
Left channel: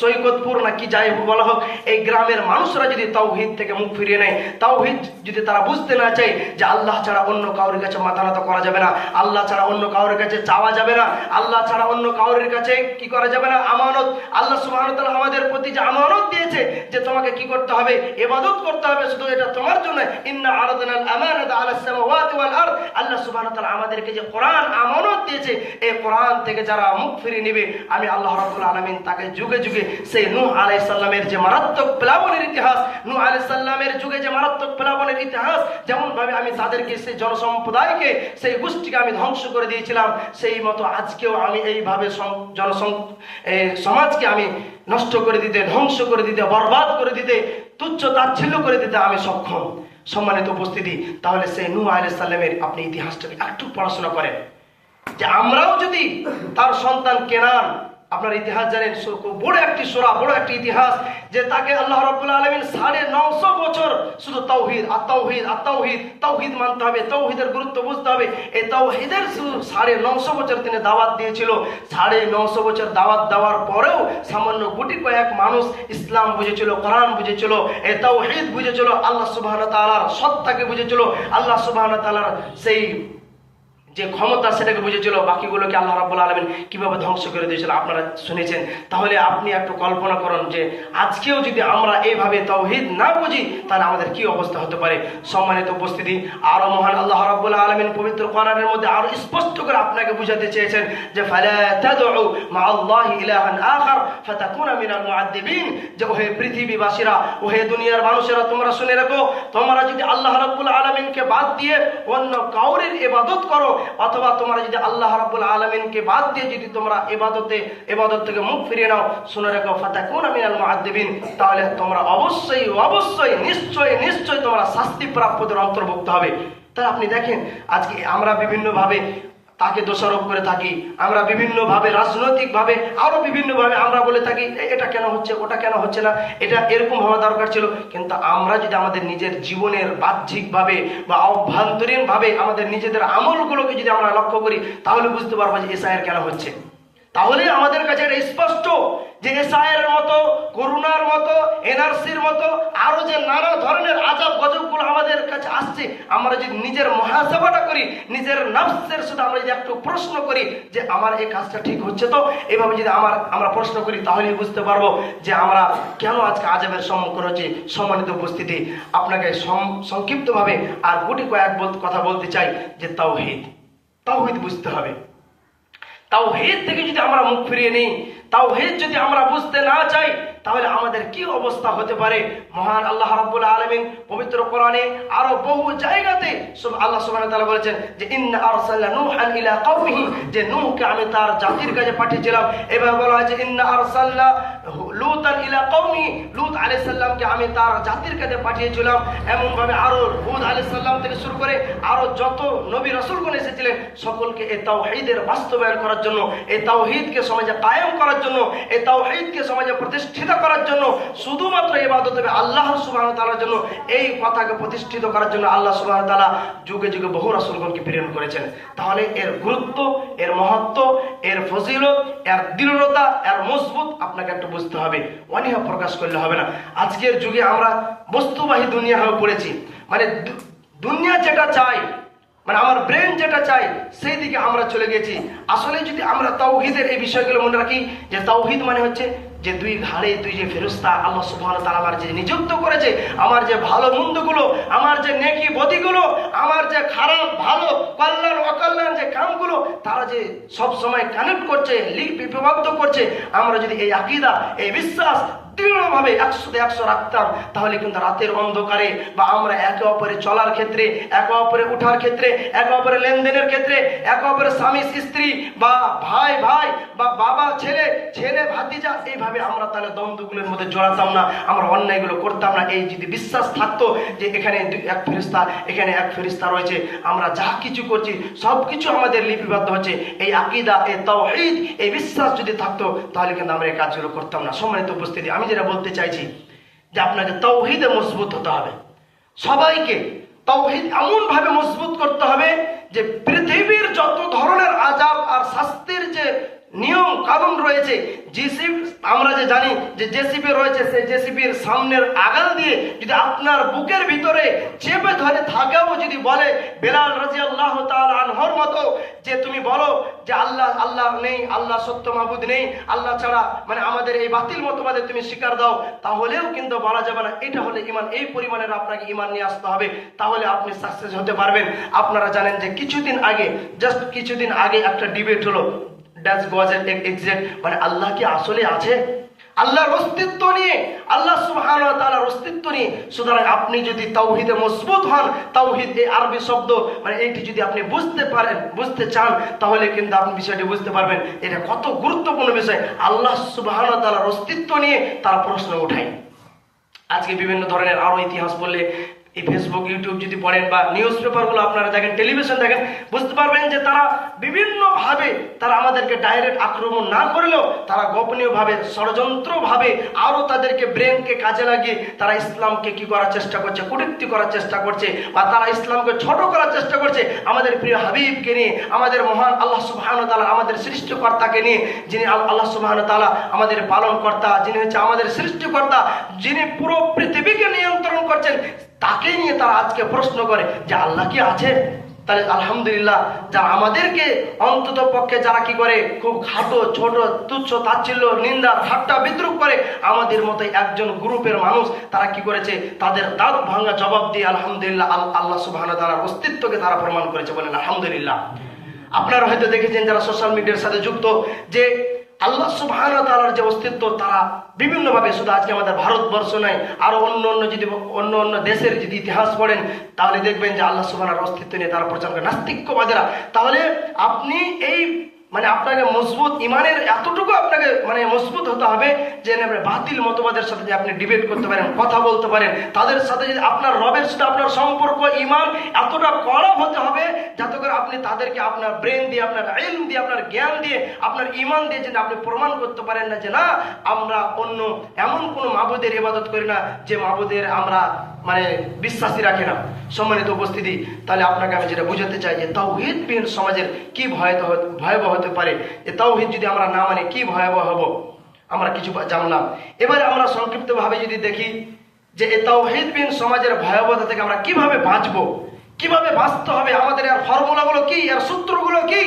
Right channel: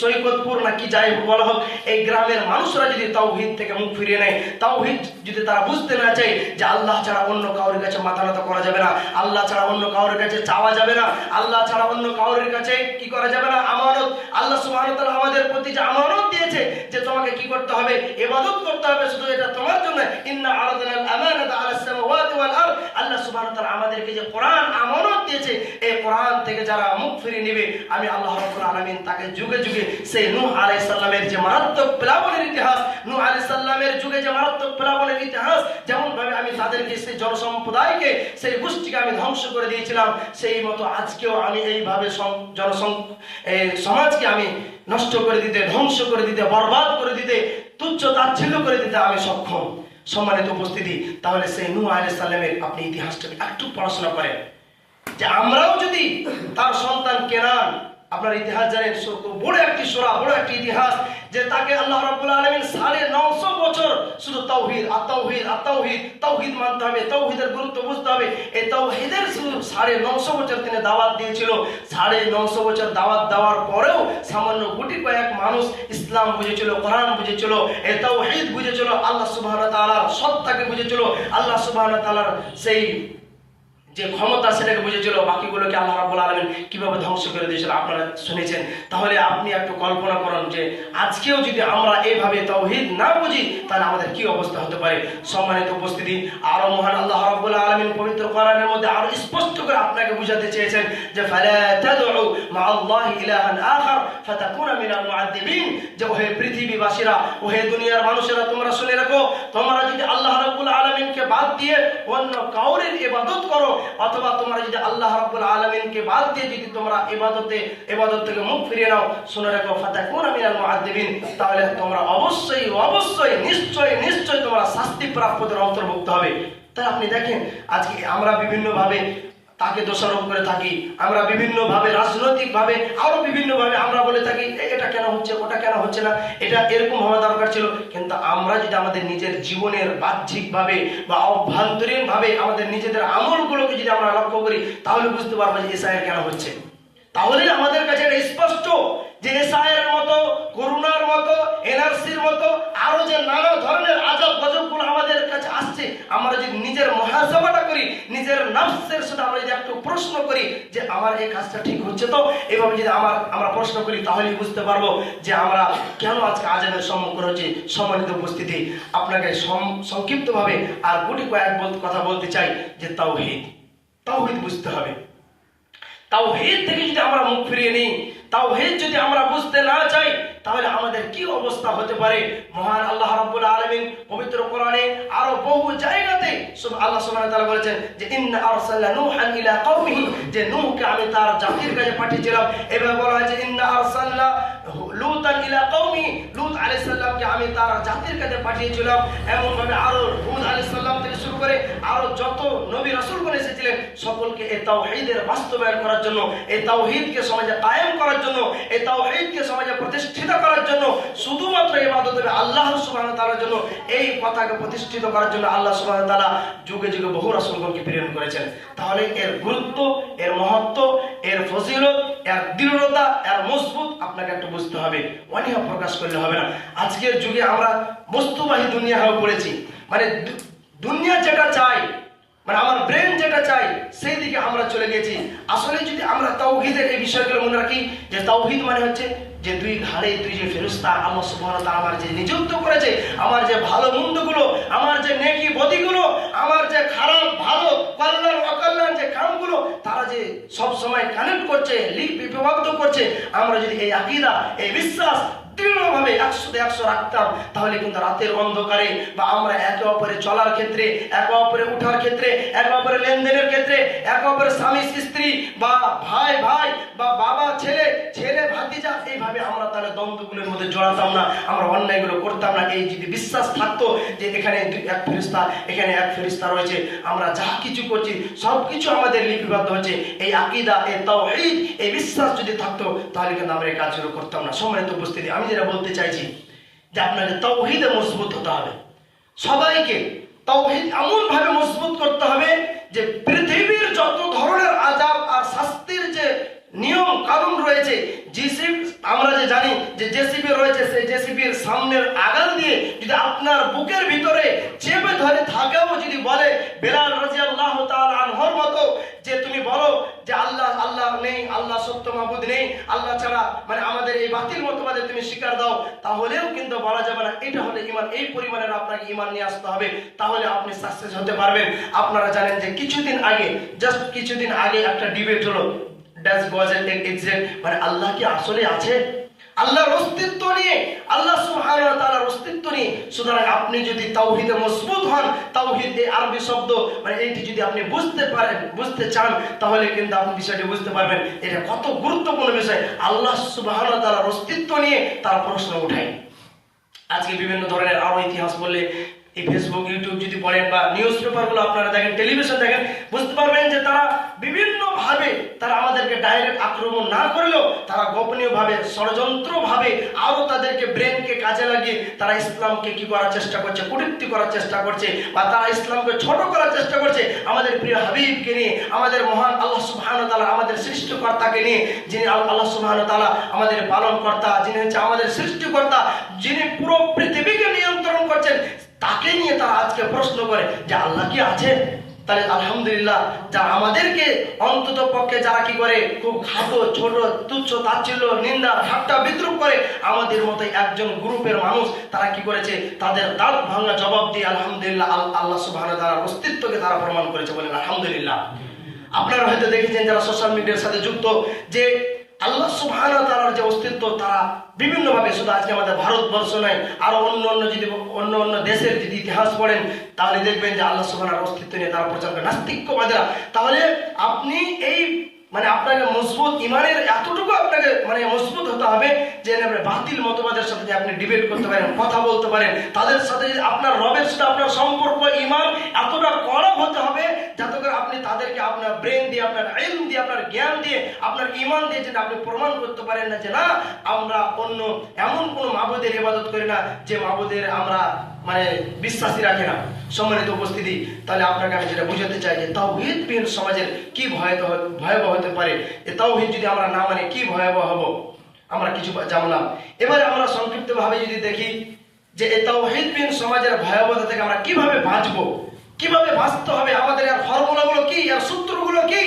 সৈকতপুর না কি যাই বলা হোক, এই গ্রামের মানুষরা যদি তাওহীদ থেকে মুখ ফিরিয়ে নেয়, তাওহীদ যদি তারা বুঝতে না চায় যে আল্লাহ ছাড়া অন্য কারোর কাছে মাথা নত করা যাবে না, আল্লাহ ছাড়া অন্য কারোর কাছে চাওয়া যাবে না, আল্লাহ ছাড়া অন্য কারোর কাছে কি করা যাবে না, আমানত, আল্লাহ সুবহানাহু ওয়া তাআলা আমাদের প্রতি যে আমানত দিয়েছে যে তোমাকে কি করতে হবে, ইবাদত করতে হবে, শুধু এটা তোমার জন্য। ইন্না আরাদনাল আমানাতা আলাস সামাওয়াতি ওয়াল আরদ, আল্লাহ সুবহানাহু ওয়া তাআলা আমাদেরকে যে কোরআন আমানত দিয়েছে, এই কোরআন থেকে যারা মুখ ফিরিয়ে নেবে, আমি আল্লাহ রাব্বুল আলামিন তাকে যুগে যুগে সেই নূহ আলাইহিস সালামের যে মারাত্মক প্লাবনের ইতিহাস, নূহ আলাইহিস সালামের যুগে যে মারাত্মক প্লাবনের ইতিহাস, যেমন ভাবে আমি তাদেরকে সেই জনসম্প্রদায়কে সেই গোষ্ঠীকে আমি ধ্বংস করে দিয়েছিলাম, সেই মতো আজকেও আমি এইভাবে সমাজকে আমি নষ্ট করে দিতে, ধ্বংস করে দিতে, বরবাদ করে দিতে, তুচ্ছ তাচ্ছিল্য করে দিতে আমি সক্ষম। সম্মানিত উপস্থিতি, তাহলে সেই নূহ আলাইহিস সালামের আপনি ইতিহাসটাকে একটু পড়াশোনা করেন, যে আমরাও যদি তার সন্তান কেনান, আপনার ইতিহাস জানেন, বড় একটি সূরা, বড় একটি ইতিহাস, যে তাকে আল্লাহ রাব্বুল আলামিন 950 বছর শুধু তাওহীদ আর তাওহীদ আর তাওহীদ, তাওহীদ মানতে হবে, তাওহীদের গুরুত্ব বুঝতে হবে, এই তাওহীদের শুধু 950 বছর তিনি দাওয়াত দিয়েছিল। 950 বছর দাওয়াত দেওয়ার পরেও সামান্য গুটি কয়েক মানুষ ইসলাম বুঝেছিল, কোরআন বুঝেছিল, এই তাওহীদ বুঝেছিল, আল্লাহ সুবহানাহু ওয়া তাআলার সত্তাকে বুঝেছিল, আল্লাহ সুবহানাহু ওয়া তাআলার সেই যে ক্ষমতা সেটাকে বুঝেছিল, বাকিগুলোকে আল্লাহ রাব্বুল আলামিন কিভাবে ধ্বংস করে দিয়েছিল আপনারা শুনেছেন। তাহলে আপনি একটু কল্পনা করুন যে আজকেও যদি আমরা এইভাবে তাওহীদ না বুঝি, তাহলে আমাদের কি অবস্থা হতে পারে। সম্মানিত উপস্থিতি, আরো মহান আল্লাহ রাব্বুল আলামিন পবিত্র কোরআনের মধ্যে আরো স্পষ্ট করে আপনাকে বুঝাতে চেয়েছেন যে ফালা তাদউ মাআল্লাহি ইলাহান আখার ফাতাকুনা মিনাল মুআদ্দিবিন, যে ওহে পৃথিবীবাসীরা, ওহে দুনিয়ার মানুষেরা, তোমরা শুনে রাখো, তোমরা যদি আল্লাহ রাব্বুল আলামিনকে বাদ দিয়ে অন্য কাউরের ইবাদত করো, অথবা তোমরা যদি আল্লাহ রাব্বুল আলামিনকে বাদ দিয়ে যদি তোমরা ইবাদত থেকে মুখ ফিরিয়ে নাও, শুনে রাখো ফাতাকুনা মিনাল মুআদ্দিবিন, তাহলে তোমরা অবশ্যই নিশ্চয় তোমরা শাস্তিপ্রাপ্তদের অন্তর্ভুক্ত হবে। তাই আপনি দেখেন আজকে আমরা বিভিন্নভাবে তাকে দোষারোপ করে থাকি, আমরা বিভিন্নভাবে রাজনৈতিকভাবে আরো বিভিন্নভাবে আমরা বলে থাকি এটা কেন হচ্ছে, ওটা কেন হচ্ছে না, এটা এরকম হওয়া দরকার ছিল। কিন্তু আমরা যদি আমাদের নিজের জীবনের বাহ্যিকভাবে বা অভ্যন্তরীণভাবে আমাদের নিজেদের আমলগুলোকে যদি আমরা লক্ষ্য করি, তাহলে বুঝতে পারবো যে এসআইআর কেন হচ্ছে। তাহলে আমাদের কাছে এটা স্পষ্ট যে এসআইআর মতো, করোনার মতো, এনআরসির মতো আরো যে নানা ধরনের আযাব গজবগুলো আমাদের কাছে আসছে, আমরা যদি নিজের মুহাসাবাটা করি, নিজের নফসের সাথে আমরা যদি একটু প্রশ্ন করি যে আমার এই কাজটা ঠিক হচ্ছে তো, এভাবে যদি আমরা প্রশ্ন করি, তাহলেই বুঝতে পারবো যে আমরা কেন আজকে আযাবের সম্মুখীন হচ্ছি। সম্মানিত উপস্থিতি, আপনাকে সংক্ষিপ্তভাবে আর গুটি কয়েক কথা বলতে চাই যে তাওহীদ বুঝতে হবে। তাওহীদ থেকে যদি আমরা মুখ ফিরিয়ে নিই, তাওহীদ যদি আমরা বুঝতে না চাই, তাহলে আমাদের কি অবস্থা হতে পারে। মহান আল্লাহ রাব্বুল আলামিন পবিত্র কোরআনে আরো বহু জায়গাতে আল্লাহ সুবহানাহু ওয়া তাআলা বলেছেন যে ইন্না আরসালনা নূহান ইলা কওমিহি, যে নূহকে আমি তার জাতির কাছে পাঠিয়েছিলাম। এভাবে বলা হয়েছে ইন্না আরসালনা লূতান ইলা কওমিহি, লূত আলাইহিস সালামকে আমি তার জাতির কাছে পাঠিয়েছিলাম। এমন ভাবে আরো হুদ আলাইহিস সালাম থেকে শুরু করে আরো যত নবী রাসূলগণ এসেছিলেন, সকলকে এই তাওহীদের বাস্তবায়ন করার জন্য, এই তাওহীদকে সমাজে কায়েম করার জন্য, এই তাওহীদকে সমাজে প্রতিষ্ঠিত করার জন্য, শুধুমাত্র ইবাদত হবে আল্লাহ সুবহানাহু ওয়া তাআলার জন্য, এই কথাকে প্রতিষ্ঠিত করার জন্য আল্লাহ সুবহানাহু ওয়া তাআলা যুগে যুগে বহু রাসূলগণকে প্রেরণ করেছেন। তাহলে এর গুরুত্ব, এর মহত্ব, এর ফজিলত, এর দৃঢ়তা, এর মজবুত আপনাকে একটু বুঝতে হবে, অনীহা প্রকাশ করলে হবে না। আজকের যুগে আমরা বস্তুবাহী দুনিয়া হয়ে পড়েছি, মানে দুনিয়া যেটা চাই, মানে আমার ব্রেন যেটা চাই সেই দিকে আমরা চলে গেছি। আসলে যদি আমরা তাওহীদের এই বিষয়গুলো মনে রাখি যে তাওহীদ মানে হচ্ছে যে দুই ঘাড়ে দুই যে ফেরেশতা আল্লাহ সুবহানাহু ওয়া তাআলা আমার যে নিযুক্ত করেছে, আমার যে ভালো মন্দগুলো, আমার যে নেকি বদিগুলো, আমার যে খারাপ ভালো কল্যাণ অকল্যাণ যে কামগুলো, তারা যে সব সময় কানেক্ট করছে, লিপিবদ্ধ করছে। আমরা যদি এই আকীদা, এই বিশ্বাস দৃঢ়ভাবে 100-100 রাখতাম, তাহলে কিন্তু রাতের অন্ধকারে বা আমরা একে অপরে চলার ক্ষেত্রে, একে অপরে উঠার ক্ষেত্রে, একে অপরে লেনদেনের ক্ষেত্রে, একে অপরে স্বামী স্ত্রী বা ভাই ভাই বা বাবা ছেলে, ছেলে ভাতিজা, এইভাবে আমরা তাহলে দ্বন্দ্বগুলোর মধ্যে জড়াতাম না, আমরা অন্যায়গুলো করতাম না। এই যদি বিশ্বাস থাকতো যে এখানে এক ফেরেশতা, এখানে এক ফেরেশতা রয়েছে, আমরা যা কিছু করছি সব কিছু আমাদের লিপিবদ্ধ হচ্ছে, এই আকীদা, এই তাওহীদ, এই বিশ্বাস যদি থাকতো, তাহলে কিন্তু আমরা এই কাজগুলো করতাম না। সম্মানিত উপস্থিতি, আমি যেটা বলতে চাইছি যে আপনাকে তাওহীদে মজবুত হতে হবে। সবাইকে তাওহীদ এমন ভাবে মজবুত করতে হবে যে পৃথিবীর যত ধরনের আযাব আর শাস্তির যে নিয়ম কানুন রয়েছে, জেসিবি আমরা যে জানি যে জেসিবি রয়েছে, সেই জেসিবির সামনের আগাল দিয়ে যদি আপনার বুকের ভিতরে চেপে ধরে থাকেও যদি বলে বেলাল রাদিয়াল্লাহু তাআলা আনহুর মতো যে তুমি বলো যে আল্লাহ আল্লাহ নেই, আল্লাহ সত্য মাবুদ নেই, আল্লাহ ছাড়া মানে আমাদের এই বাতিল মতবাদে তুমি স্বীকার দাও, তাহলেও কিন্তু বলা যাবে না। এটা হলে ঈমান, এই পরিমাণের আপনাকে ঈমান নিয়ে আসতে হবে, তাহলে আপনি সাকসেস হতে পারবেন। আপনারা জানেন যে জাস্ট কিছুদিন আগে একটা ডিবেট হলো, ডাজ গড এক্সিস্ট, মানে আল্লাহ কি আসলে আছে, আল্লাহর অস্তিত্ব নিয়ে, আল্লাহ সুবহানাহু ওয়া তাআলার অস্তিত্ব নিয়ে। সুতরাং আপনি যদি তাওহীদে মজবুত হন, তাওহীদ এই আরবি শব্দ মানে এইটি যদি আপনি বুঝতে পারেন, বুঝতে চান, তাহলে কিন্তু আপনি বিষয়টি বুঝতে পারবেন এটা কত গুরুত্বপূর্ণ বিষয়। আল্লাহ সুবহানাহু ওয়া তাআলার অস্তিত্ব নিয়ে তারা প্রশ্ন ওঠায়। আজকে বিভিন্ন ধরনের আরো ইতিহাস বললে, এই ফেসবুক ইউটিউব যদি পড়েন বা নিউজ পেপারগুলো আপনারা দেখেন, টেলিভিশন দেখেন, বুঝতে পারবেন যে তারা বিভিন্নভাবে তারা আমাদেরকে ডাইরেক্ট আক্রমণ না করলেও তারা গোপনীয়ভাবে ষড়যন্ত্রভাবে আরো তাদেরকে ব্রেনকে কাজে লাগিয়ে তারা ইসলামকে কি করার চেষ্টা করছে, কটূক্তি করার চেষ্টা করছে, বা তারা ইসলামকে ছোট করার চেষ্টা করছে। আমাদের প্রিয় হাবিবকে নিয়ে, আমাদের মহান আল্লাহ সুবহানাহু ওয়া তাআলা, আমাদের সৃষ্টিকর্তাকে নিয়ে, যিনি আল্লাহ সুবহানাহু ওয়া তাআলা আমাদের পালনকর্তা, যিনি হচ্ছে আমাদের সৃষ্টিকর্তা, যিনি পুরো পৃথিবীকে নিয়ন্ত্রণ করছেন, তাকে নিয়ে তারা আজকে প্রশ্ন করে যে আল্লাহ কি আছে। তাহলে আলহামদুলিল্লাহ, যারা আমাদেরকে অন্তত পক্ষে যারা কি করে খুব খাটো ছোট তুচ্ছ তাচ্ছিল্য নিন্দা ঠাট্টা বিদ্রুপ করে, আমাদের মতো একজন গ্রুপের মানুষ তারা কি করেছে, তাদের দাঁত ভাঙা জবাব দিয়ে আলহামদুলিল্লাহ আল্লাহ সুবহানাহু ওয়া তাআলার অস্তিত্বকে তারা প্রমাণ করেছে, বলেন আলহামদুলিল্লাহ। আপনারা হয়তো দেখেছেন যারা সোশ্যাল মিডিয়ার সাথে যুক্ত, যে আল্লাহ সুবহানাহু ওয়া তাআলার যে অস্তিত্ব তারা বিভিন্নভাবে, শুধু আজকে আমাদের ভারতবর্ষ নয়, আরো অন্য দেশের যদি ইতিহাস পড়েন, তাহলে দেখবেন যে আল্লাহ সুবহানাহু ওয়া তাআলার অস্তিত্ব নিয়ে তারা প্রচার করে, নাস্তিক্যবাদীরা। তাহলে আপনি এই মানে আপনাকে মজবুত ইমানের এতটুকু আপনাকে মানে মজবুত হতে হবে যে বাতিল মতবাদের সাথে যে আপনি ডিবেট করতে পারেন, কথা বলতে পারেন, তাদের সাথে যদি আপনার রবের সাথে আপনার সম্পর্ক ইমান এতটা কড়া হতে হবে যাতে করে আপনি তাদেরকে আপনার ব্রেন দিয়ে, আপনার ইলম দিয়ে, আপনার জ্ঞান দিয়ে, আপনার ইমান দিয়ে যদি আপনি প্রমাণ করতে পারেন না যে না আমরা অন্য এমন কোনো মাবুদের ইবাদত করি না যে মাবুদের আমরা মানে বিশ্বাসী রাখে না। সম্মানিত উপস্থিতি, তাহলে আপনাকে আমি যেটা বুঝাতে চাই যে তাওহীদবিহীন সমাজের কি ভয়াবহ হতে পারে, যে তাওহীদ যদি আমরা না মানে কি ভয়াবহ হব, আমরা কিছু জানলাম। এবারে আমরা সংক্ষিপ্তভাবে যদি দেখি যে এই তাওহীদবিহীন সমাজের ভয়াবহতা থেকে আমরা কিভাবে বাঁচবো, কিভাবে বাঁচতে হবে, আমাদের এর ফর্মুলাগুলো কি, এর সূত্রগুলো কি,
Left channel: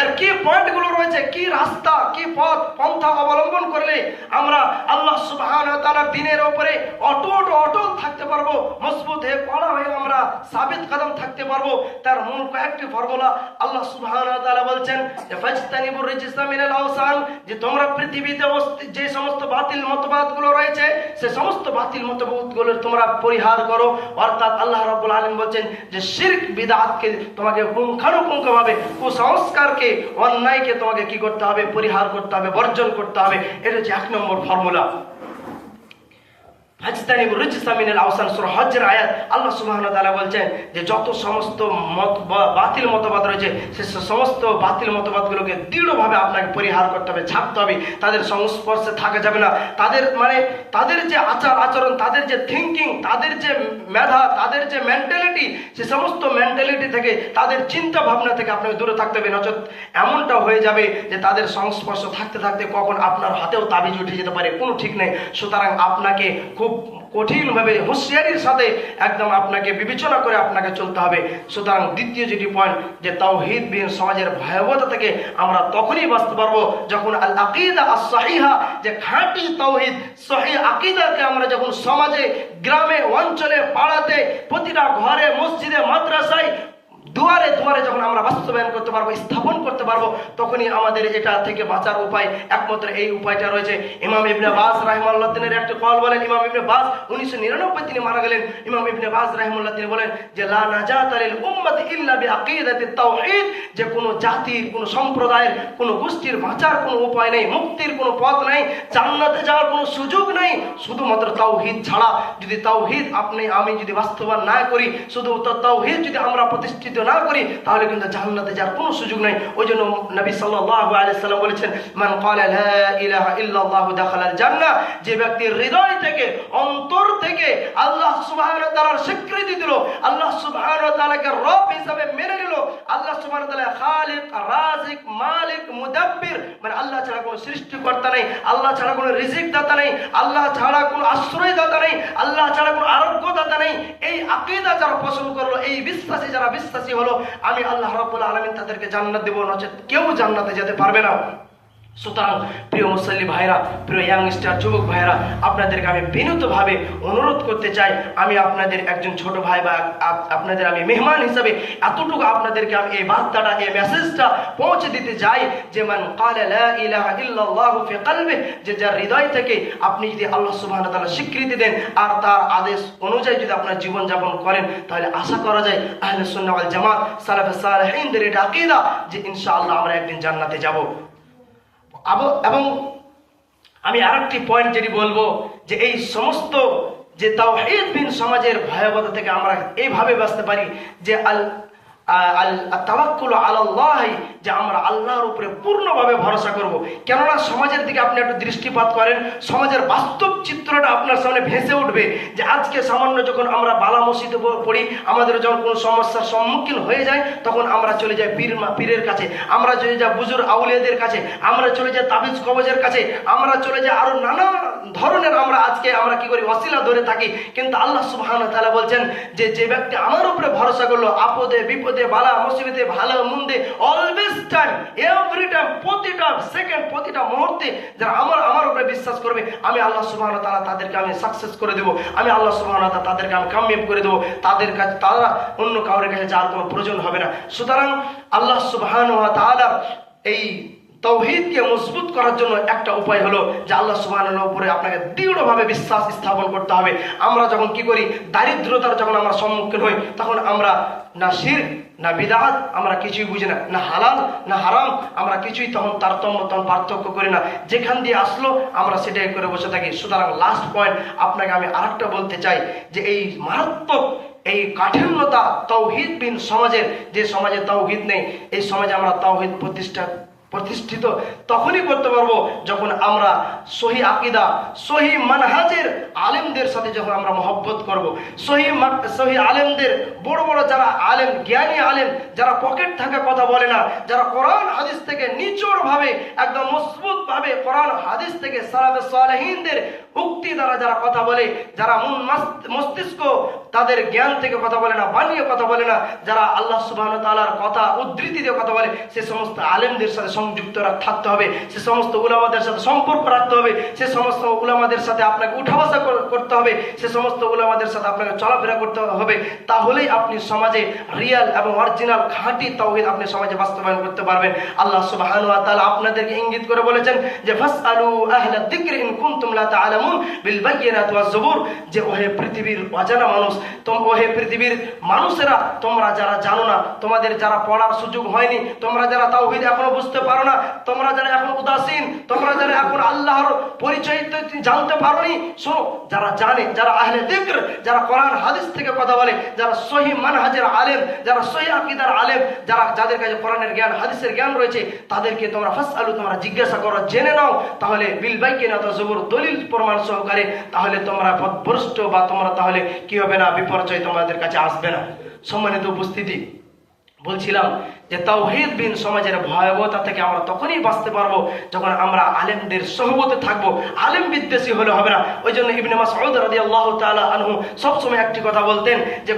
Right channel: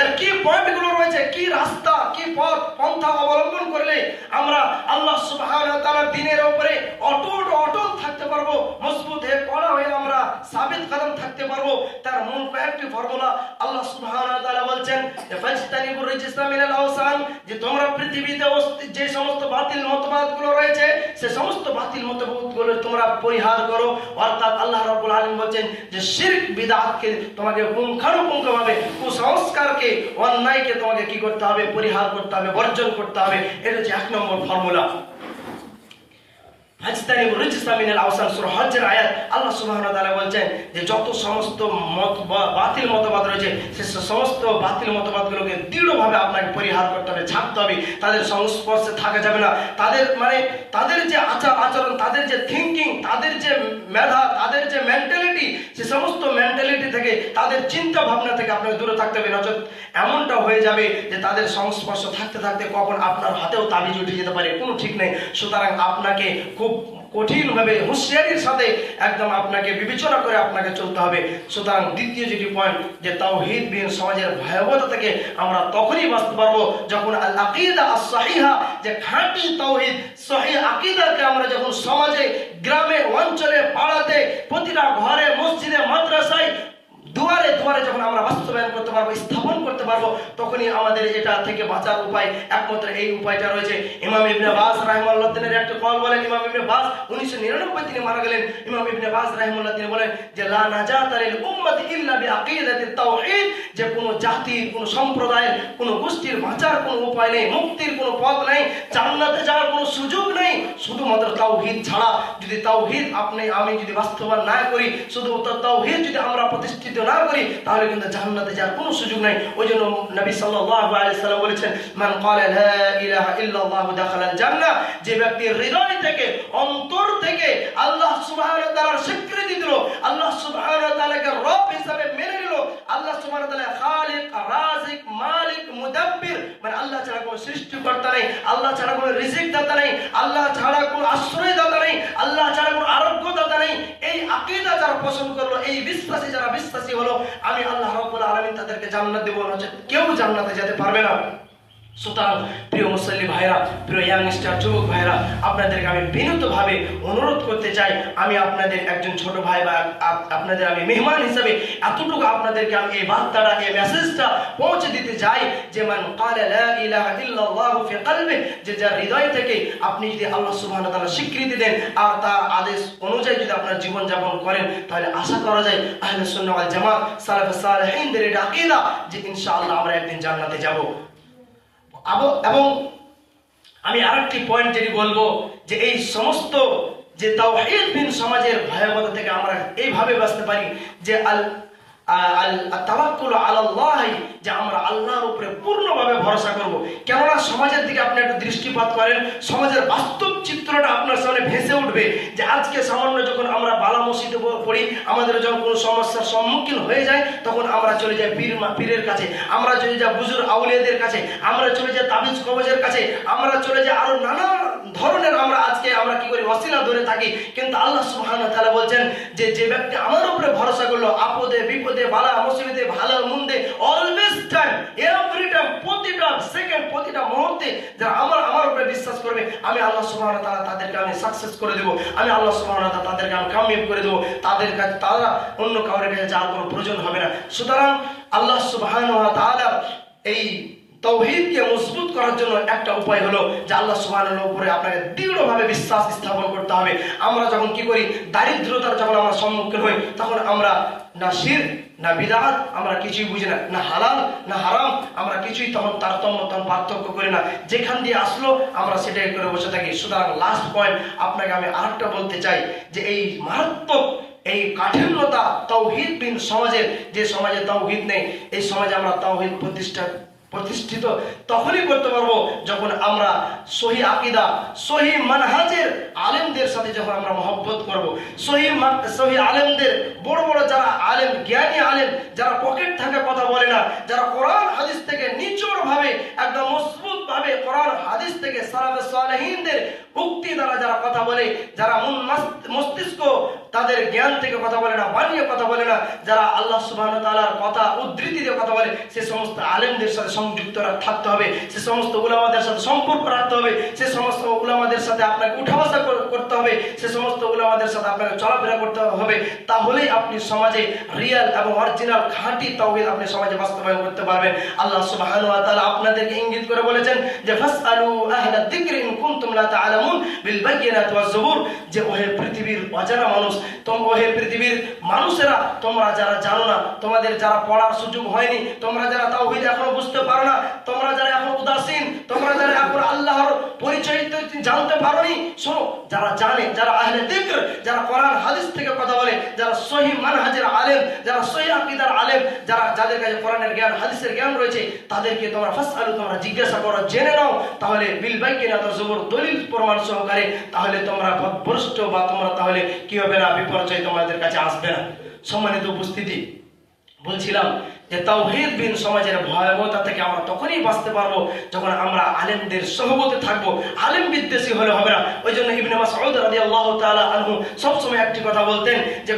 এর কি পয়েন্টগুলো রয়েছে, কি রাস্তা, কি পথ পন্থা অবলম্বন করলে আমরা আল্লাহ সুবহানাহু ওয়া তাআলার দ্বীনের উপরে অটল থাকতে পারবো, মজবুত হয়ে কড়া হয়ে আমরা সাবিত কদম থাকতে পারবো। তার মূল কয়েকটি ফর্মুলা আল্লাহ সুবহানাহু ওয়া তাআলা বলছেন যে ফাজতানিবুর রিজসা মিনাল আওসান, যে তোমরা পৃথিবীতে যে সমস্ত বাতিল মতবাদগুলো রয়েছে সে সমস্ত বাতিল মতবাদগুলো তোমরা পরিহার করো। অর্থাৎ আল্লাহ রাব্বুল আলামিন বলছেন যে শিরক বিদআতকে তোমাকে পুঙ্খানুপুঙ্খভাবে, কুসংস্কারকে, অন্যায়কে তোমাকে কি করতে হবে, পরিহার করতে হবে, বর্জন করতে হবে। এটা হচ্ছে 1 নম্বর ফর্মুলা। ফাজতানিবুর রিজসা মিনাল আওসান, সূরা হজ্জের আয়াত। আল্লাহ সুবহানাহু ওয়া তাআলা বলছেন যে যত সমস্ত বাতিল মতবাদ রয়েছে সে সমস্ত বাতিল মতবাদগুলোকে দৃঢ়ভাবে আপনাকে পরিহার করতে হবে, ছাড়তে হবে, তাদের সংস্পর্শে থাকা যাবে না। তাদের যে আচরণ, তাদের যে থিঙ্কিং, তাদের যে মেধা, তাদের যে মেন্টালিটি, সে সমস্ত মেন্টালিটি থেকে, তাদের চিন্তা ভাবনা থেকে আপনাকে দূরে থাকতে হবে। নচেত এমনটা হয়ে যাবে যে তাদের সংস্পর্শ থাকতে থাকতে কখন আপনার হাতেও তাবিজ উঠে যেতে পারে, কোনো ঠিক নেই। সুতরাং আপনাকে খুব কঠিনভাবে হুঁশিয়ারির সাথে একদম আপনাকে বিবেচনা করে আপনাকে চলতে হবে। সুতরাং দ্বিতীয় যেটি পয়েন্ট, যে তাওহীদবিহীন সমাজের ভয়াবহতা থেকে আমরা তখনই বাঁচতে পারবো যখন আল আকিদা আস-সহিহা, যে খাঁটি তাওহীদ সহিহ আকিদাকে আমরা যখন সমাজে, গ্রামে, অঞ্চলে, পাড়াতে, প্রতিটা ঘরে, মসজিদে, মাদ্রাসায়, দুয়ারে দুয়ারে যখন আমরা বাস্তবায়ন করতে পারবো, স্থাপন করতে পারবো, তখনই আমাদের এটা থেকে বাঁচার উপায়, একমাত্র এই উপায়টা রয়েছে। ইমাম ইবনে বাজ রাহিমাহুল্লাহ তিনি একটা কল বলেন, ইমাম ইবনে বাজ 1999 তিনি মারা গেলেন। ইমাম ইবনে বাজ রাহিমাহুল্লাহ তিনি বলেন যে লা নাজাতা লিল উম্মতি ইল্লা বিআকিদাতিত তাওহীদ, যে কোনো জাতির, কোনো সম্প্রদায়ের, কোনো গোষ্ঠীর বাঁচার কোনো উপায় নেই, মুক্তির কোনো পথ নেই, জান্নাতে যাওয়ার কোনো সুযোগ নেই শুধুমাত্র তাওহীদ ছাড়া। যদি তাওহীদ আমি যদি বাস্তবায়ন না করি, শুধু তাওহীদ যদি আমরা প্রতিষ্ঠিত না করি, তাহলে কিন্তু জান্নাতে যাওয়ার কোনো সুযোগ নাই। ওই জন্য নবী সাল্লাল্লাহু আলাইহি সাল্লাম বলেছেন, মান ক্বালা লা ইলাহা ইল্লাল্লাহু দাখালাল জান্নাহ, যে ব্যক্তি হৃদয় থেকে, অন্তর থেকে আল্লাহ সুবহানাহু ওয়া তাআলার স্বীকৃতি দিল, আল্লাহ সুবহানাহু ওয়া তাআলাকে রব হিসেবে মেনে নিল, আল্লাহ সুবহানাহু ওয়া তাআলা খালিক, রাজিক, মালিক, মুদাব্বির, মানে আল্লাহ ছাড়া কোনো সৃষ্টিকর্তা নেই, আল্লাহ ছাড়া কোনো রিজিক দাতা নেই, আল্লাহ ছাড়া কোনো আশ্রয় দাতা নেই, আল্লাহ ছাড়া কোনো আরোগ্য দাতা নেই, এই আকীদা যারা পোষণ করলো, এই বিশ্বাসী যারা বিশ্বাসী হলো, আমি আল্লাহ রাব্বুল আলামিন তাদেরকে জান্নাত দেব, নচেত কেউ জান্নাতে যেতে পারবে না। সুতরাং প্রিয় মুসল্লি ভাইরা, প্রিয় ইয়াংস্টার যুবক ভাইরা, আপনাদেরকে আমি বিনীতভাবে অনুরোধ করতে চাই, আমি আপনাদের একজন ছোট ভাই বা আপনাদের আমি মেহমান হিসেবে এতটুকু আপনাদেরকে আমি এই বার্তাটা, এই মেসেজটা পৌঁছে দিতে চাই যে মান ক্বালা লা ইলাহা ইল্লাল্লাহু ফি কলবি, যে যার হৃদয় থেকে আপনি যদি আল্লাহ সুবহানাহু ওয়া তাআলার স্বীকৃতি দেন আর তার আদেশ অনুযায়ী যদি আপনার জীবন যাপন করেন, তাহলে আশা করা যায় আহলে সুন্নাহ ওয়াল জামাত, সালাফে সালেহিনদের এটা আকীদা যে ইনশাআল্লাহ আমরা একদিন জান্নাতে যাব। এবং আমি আরেকটি পয়েন্ট যেটি বলবো, যে এই সমস্ত যে তাওহীদবিহীন সমাজের ভয়াবহতা থেকে আমরা এইভাবে বাঁচতে পারি যে তাওয়াক্কুল আলাল্লাহ, যে আমরা আল্লাহর উপরে পূর্ণভাবে ভরসা করব। কেননা সমাজের দিকে আপনি একটু দৃষ্টিপাত করেন, সমাজের বাস্তব চিত্রটা আপনার সামনে ভেসে উঠবে, যে আজকে সামান্য যখন আমরা বালা মসজিদে পড়ি, আমাদের যখন কোনো সমস্যার সম্মুখীন হয়ে যায়, তখন আমরা চলে যাই পীরের কাছে, আমরা চলে যাই বুজুর্গ আউলিয়াদের কাছে, আমরা চলে যাই তাবিজ কবজের কাছে, আমরা চলে যাই আরো নানা ধরনের আমরা কি করি, ওসিলা ধরে থাকি। কিন্তু আল্লাহ সুবহানাহু ওয়া তাআলা বলছেন যে যে ব্যক্তি আমার উপরে ভরসা করলো, আপদে বিপদে, বালা মুসিবতে, ভালো মন্দে, অলওয়েজ টাইম, এভরি টাইম, প্রতিটা সেকেন্ড, প্রতিটা মুহূর্তে যারা আমার উপরে বিশ্বাস করবে, আমি আল্লাহ সুবহানাহু ওয়া তাআলা তাদেরকে আমি সাকসেস করে দেব, আমি আল্লাহ সুবহানাহু ওয়া তাআলা তাদেরকে আমি কামিয়াব করে দেব, তাদের কাছে তারা অন্য কারোর কাছে যাওয়ার কোনো প্রয়োজন হবে না। সুতরাং আল্লাহ সুবহানাহু ওয়া তাআলা এই তাওহীদকে মজবুত করার জন্য একটা উপায় হলো যে আল্লাহ সুবহানাহু ওয়া তাআলার উপরে আপনাকে দৃঢ়ভাবে বিশ্বাস স্থাপন করতে হবে। আমরা যখন কি করি, দারিদ্রতার যখন আমরা সম্মুখীন হই, তখন আমরা না শিরক না বিদআত আমরা কিছুই বুঝি না, না হালাল না হারাম আমরা কিছুই তখন পার্থক্য করি না, যেখান দিয়ে আসলো আমরা সেটাই করে বসে থাকি। সুতরাং লাস্ট পয়েন্ট আপনাকে আমি আরেকটা বলতে চাই, যে এই মারাত্মক এই কাঠিন্যতা তাওহীদবিহীন সমাজের, যে সমাজে তাওহীদ নেই, এই সমাজে আমরা তাওহীদ প্রতিষ্ঠিত তখনই করতে পারবো যখন আমরা সহি আকীদা, সহি মানহাজের আলেমদের সাথে যখন আমরা মহব্বত করব, সহি আলেমদের, বড় বড় যারা আলেম, জ্ঞানী আলেম, যারা পকেট থাকা কথা বলে না, যারা কোরআন হাদিস থেকে নিচড় ভাবে, একদম মজবুত ভাবে কোরআন হাদিস থেকে সালাফে সালেহিনদের উক্তি দ্বারা যারা কথা বলে, যারা মস্তিষ্ক তাদের জ্ঞান থেকে কথা বলে না, বানিয়ে কথা বলে না, যারা আল্লাহ সুবহানাহু ওয়া তাআলার কথা উদ্ধৃতি দিয়ে কথা বলে, সে সমস্ত আলেমদের সাথে সংযুক্ত থাকতে হবে, সে সমস্ত উলামাদের সাথে সম্পর্ক রাখতে হবে, সে সমস্ত উলামাদের সাথে আপনাকে উঠা বসা করতে হবে, সে সমস্ত উলামাদের সাথে আপনাকে চলাফেরা করতে হবে। তাহলেই আপনি সমাজে রিয়াল এবং অরিজিনাল খাঁটি তাওহীদ আপনি সমাজে বাস্তবায়ন করতে পারবেন। আল্লাহ সুবহানাহু ওয়া তাআলা আপনাদেরকে ইঙ্গিত করে বলেছেন যে ফাসআলু আহলা যিকরি ইন কুনতুম লা তা'লামুন বিল বায়িনাতি ওয়াজ জুবুর, যে ওহে পৃথিবীর অজানা মানুষ, ওহে পৃথিবীর মানুষেরা, তোমরা যারা জানো না, তোমাদের যারা পড়ার সুযোগ হয়নি, তোমরা যারা তাওহীদ এখনো বুঝতে পারো না, তোমরা যারা এখন উদাসীন, তোমরা যারা এখন আল্লাহর পরিচয় জানতে পারোনি, শোনো, যারা জানে, যারা আহলে যিকর, যারা কোরআন হাদিস থেকে কথা বলে, যারা সহি মানহাজের আলেম, যারা সহি আকীদার আলেম, যাদের কাছে কোরআনের জ্ঞান, হাদিসের জ্ঞান রয়েছে, তাদেরকে তোমরা ফাসআলু, তোমরা জিজ্ঞাসা করো, জেনে নাও, তাহলে বিল বায়িনাতি ওয়াজ জুবুর, দলিল প্রমাণ সহকারে, তাহলে তোমরা পথভ্রষ্ট বা তোমরা তাহলে কি হবে না, বিপর্যয় তোমাদের কাছে আসবে না। সম্মানিত উপস্থিতি, বলছিলাম যে তাওহীদবিহীন সমাজের ভয়াবহতা থেকে আমরা তখনই বাঁচতে পারবো যখন আমরা আলেমদের সহবতে থাকবো। আলেম বিদ্বেষী হলে হবে না। ওই জন্য ইবনে মাসউদ রাদিয়াল্লাহু তাআলা আনহু সবসময় একটি কথা বলতেন যে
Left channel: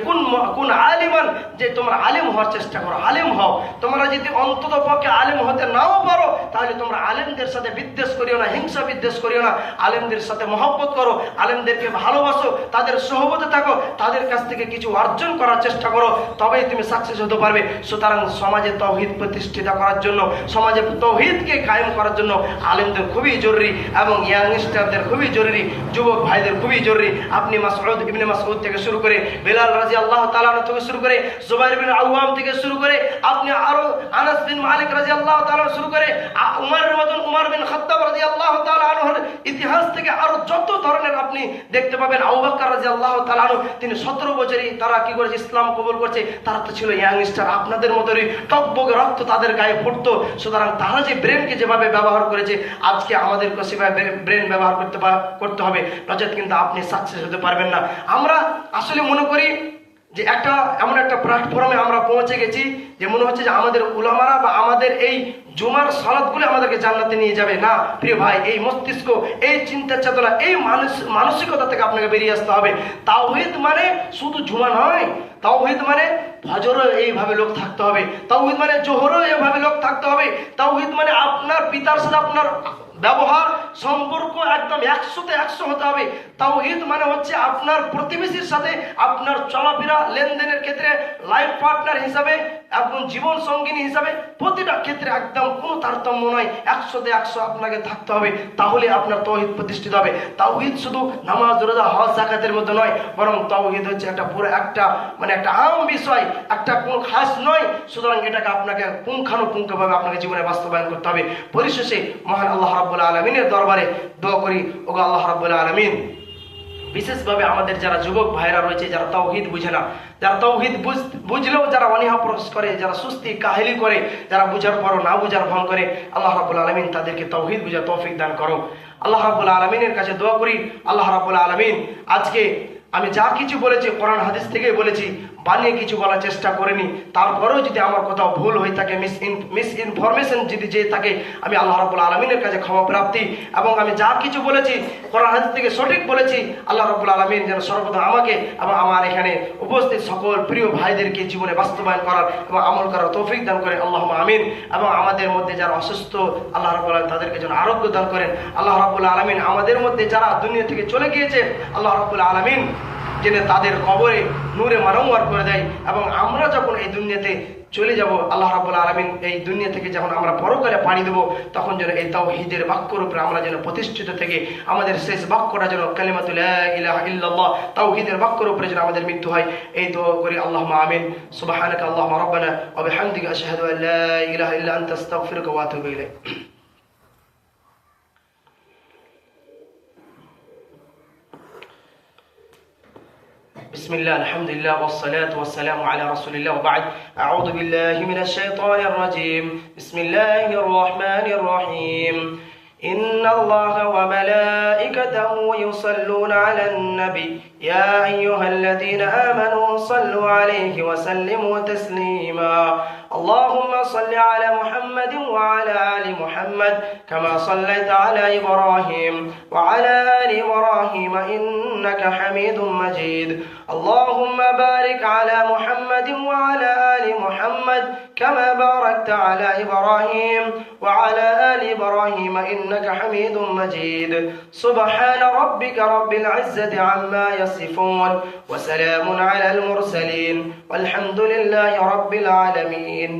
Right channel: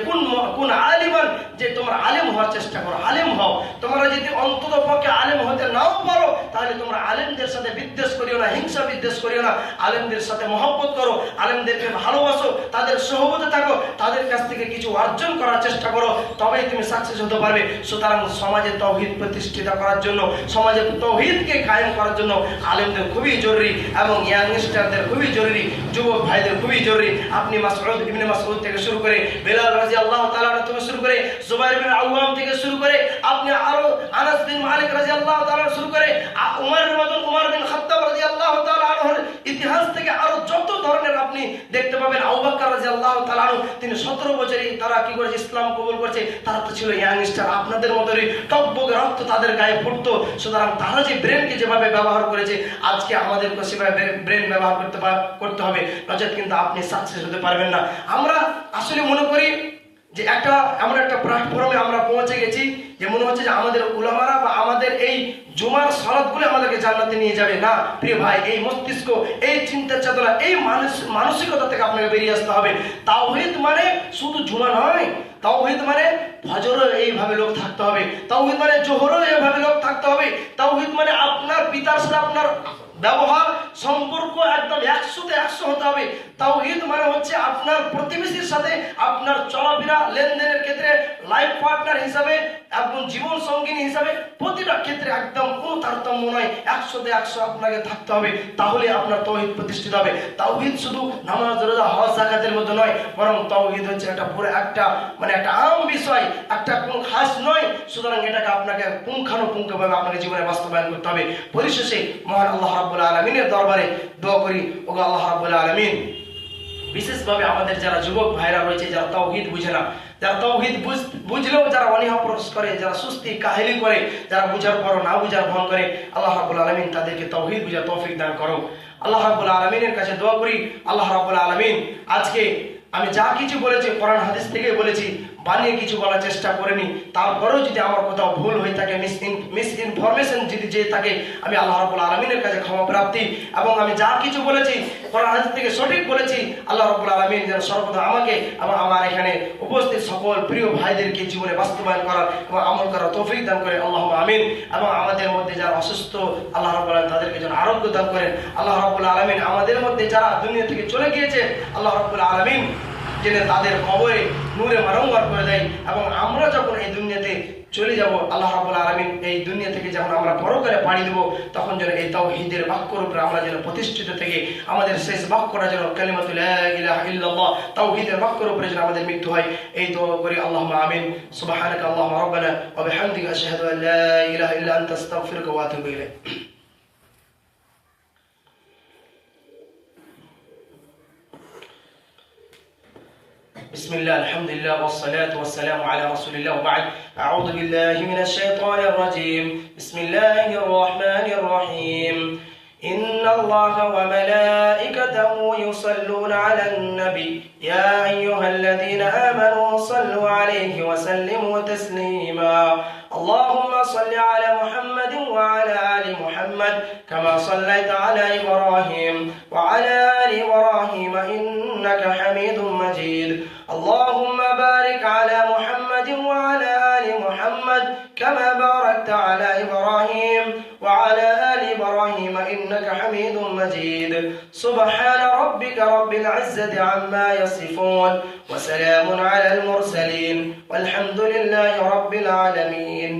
কুন আলিমান, যে তোমরা আলেম হওয়ার চেষ্টা করো, আলেম হও। তোমরা যদি অন্তত পক্ষে আলেম হতে নাও পারো তাহলে তোমরা আলেমদের সাথে বিদ্বেষ করিও না, হিংসা বিদ্বেষ করিও না, আলেমদের সাথে মহব্বত করো, আলেমদেরকে ভালোবাসো, তাদের সহবতে থাকো, তাদের কাছ থেকে কিছু অর্জন করার চেষ্টা করো, তবেই তুমি সাকসেস হতে পারবে। সুতরাং সমাজে তাওহীদ প্রতিষ্ঠিত করার জন্য, সমাজে তাওহীদকে কায়েম করার জন্য আলেমদের খুবই জরুরি এবং ইয়াংস্টারদের খুবই জরুরি, যুবক ভাইদের খুবই জরুরি। আপনি ইবনে মাসউদ থেকে শুরু করে, বেলাল রাদিয়াল্লাহু তাআলা থেকে শুরু করে, জুবাইর বিন আওয়াম থেকে শুরু করে, আপনি আরো আনাস বিন মালিক রাদিয়াল্লাহু তাআলা শুরু করে, উমর বিন খাত্তাব রাদিয়াল্লাহু তাআলা আনহুর ইতিহাস থেকে আরো যত ধরনের আপনি দেখতে পাবেন। আবু বকর রাদিয়াল্লাহু তাআলা আনহু, তিনি 17 বছরই তারা কি করেছে, ইসলাম কবুল করেছে। তারা তো ছিল ইয়াংস্টার, আপনাদের মতোই টকবগে রক্ত তাদের গায়ে ফুটতো। সুতরাং তারা যে ব্রেনকে যেভাবে ব্যবহার করেছে, আজকে আমাদেরকে সেভাবে ব্রেন ব্যবহার করতে হবে, নচেত কিন্তু আপনি সাকসেস হতে পারবেন না। আমরা আসলে মনে করি যে এমন একটা প্ল্যাটফর্মে আমরা পৌঁছে গেছি যে মনে হচ্ছে যে আমাদের উলামারা বা আমাদের এই জুমার সালাতগুলো আমাদেরকে জান্নাতে নিয়ে যাবে। না প্রিয় ভাই, এই মস্তিষ্ক, এই চিন্তা চেতনা, এই মানসিকতা থেকে আপনাকে বেরিয়ে আসতে হবে। তাওহীদ মানে শুধু জুমা নয়, তাওহীদ মানে ফজরও এইভাবে লোক থাকতে হবে, তাওহীদ মানে জোহরও এইভাবে লোক থাকতে হবে, তাওহীদ মানে আপনার পিতার সাথে আপনার ব্যবহার সম্পর্ক একদম 100-তে 100 হতে হবে। তাওহীদ মানে হচ্ছে আপনার প্রতিবেশীর সাথে আপনার চলাফেরা, লেনদেনের ক্ষেত্রে লাইফ পার্টনার হিসাবে এবং জীবন সঙ্গিনী হিসাবে প্রতিটা ক্ষেত্রে একদম কোনো তারতম্য নয়, 100-তে 100 আপনাকে থাকতে হবে, তাহলে আপনার তাওহীদ প্রতিষ্ঠিত হবে। তাওহীদ শুধু নামাজ, রোজা, হজ, যাকাতের মধ্যে নয়, বরং তাওহীদ হচ্ছে একটা পুরো একটা আম বিষয়, একটা কোনো খাস নয়। সুতরাং এটাকে আপনাকে পুঙ্খানুপুঙ্খভাবে আপনাকে জীবনে বাস্তবায়ন করতে হবে। পরিশেষে মহান আল্লাহ রাব্বুল আলামিনের দরবারে দোয়া করি, ওগো আল্লাহ রাব্বুল আলামিন, বিশেষভাবে আমাদের যারা যুবক ভাইরা রয়েছে, যারা তাওহীদ বুঝে না, যারা তাওহীদ বুঝলেও যারা অনীহা প্রকাশ করে, যারা সুস্তি কাহিলি করে, যারা বুঝার পরও না বুঝার ভান করে, আল্লাহ রাব্বুল আলামিন তাদেরকে তাওহীদ বুঝার তৌফিক দান করো। আল্লাহ রাব্বুল আলামিনের কাছে দোয়া করি, আল্লাহ রাব্বুল আলামিন আজকে আমি যা কিছু বলেছি কোরআন হাদিস থেকে বলেছি, বানিয়ে কিছু বলার চেষ্টা করিনি। তারপরেও যদি আমার কোথাও ভুল হয়ে থাকে, মিস ইনফরমেশন যদি যে থাকে, আমি আল্লাহ রাব্বুল আলামিনের কাছে ক্ষমা প্রার্থী। এবং আমি যা কিছু বলেছি কোরআন হাদিস থেকে সঠিক বলেছি, আল্লাহ রাব্বুল আলামিন যেন সর্বদা আমাকে এবং আমার এখানে উপস্থিত সকল প্রিয় ভাইদেরকে জীবনে বাস্তবায়ন করার এবং আমল করার তৌফিক দান করে, আল্লাহুম্মা আমিন। এবং আমাদের মধ্যে যারা অসুস্থ, আল্লাহ রাব্বুল আলামিন তাদেরকে যেন আরোগ্য দান করেন। আল্লাহ রাব্বুল আলামিন আমাদের মধ্যে যারা দুনিয়া থেকে চলে গিয়েছে, আল্লাহ রাব্বুল আলামিন যেন তাদের কবরে নূরে মারওয়ার করে দেয়। এবং আমরা যখন এই দুনিয়াতে চলে যাব, আল্লাহ রাব্বুল আলামিন এই দুনিয়া থেকে যখন আমরা পরকালে পাড়ি দেব, তখন যেন এই তাওহীদের বাক্যের উপরে আমরা যেন প্রতিষ্ঠিত থেকে আমাদের শেষ বাক্যটা যেন কালিমাতু লা ইলাহা ইল্লাল্লাহ, তাওহীদের বাক্যের উপরে যেন আমাদের মৃত্যু হয়, এই দোয়া করি। আল্লাহুম্মা আমিন। সুবহানাকা আল্লাহুম্মা রাব্বানা ওয়া বিহামদিকা আশহাদু আল লা ইলাহা ইল্লা আনতা আস্তাগফিরুকা ওয়া আতুবু ইলাইক। بسم الله، الحمد لله، والصلاة والسلام على رسول الله، وبعد. أعوذ بالله من الشيطان الرجيم. بسم الله الرحمن الرحيم. إن الله وملائكته يصلون على النبي يا أيها الذين آمنوا صلوا عليه وسلموا تسليما. اللهم صل على محمد وعلى آل محمد كما صليت على إبراهيم وعلى آل إبراهيم إنك حميد مجيد. اللهم بارك على محمد وعلى آل محمد كما باركت على إبراهيم وعلى آل إبراهيم إنك حميد مجيد. سبحان ربك رب العزة عما يصفون وسلام على المرسلين والحمد لله رب العالمين.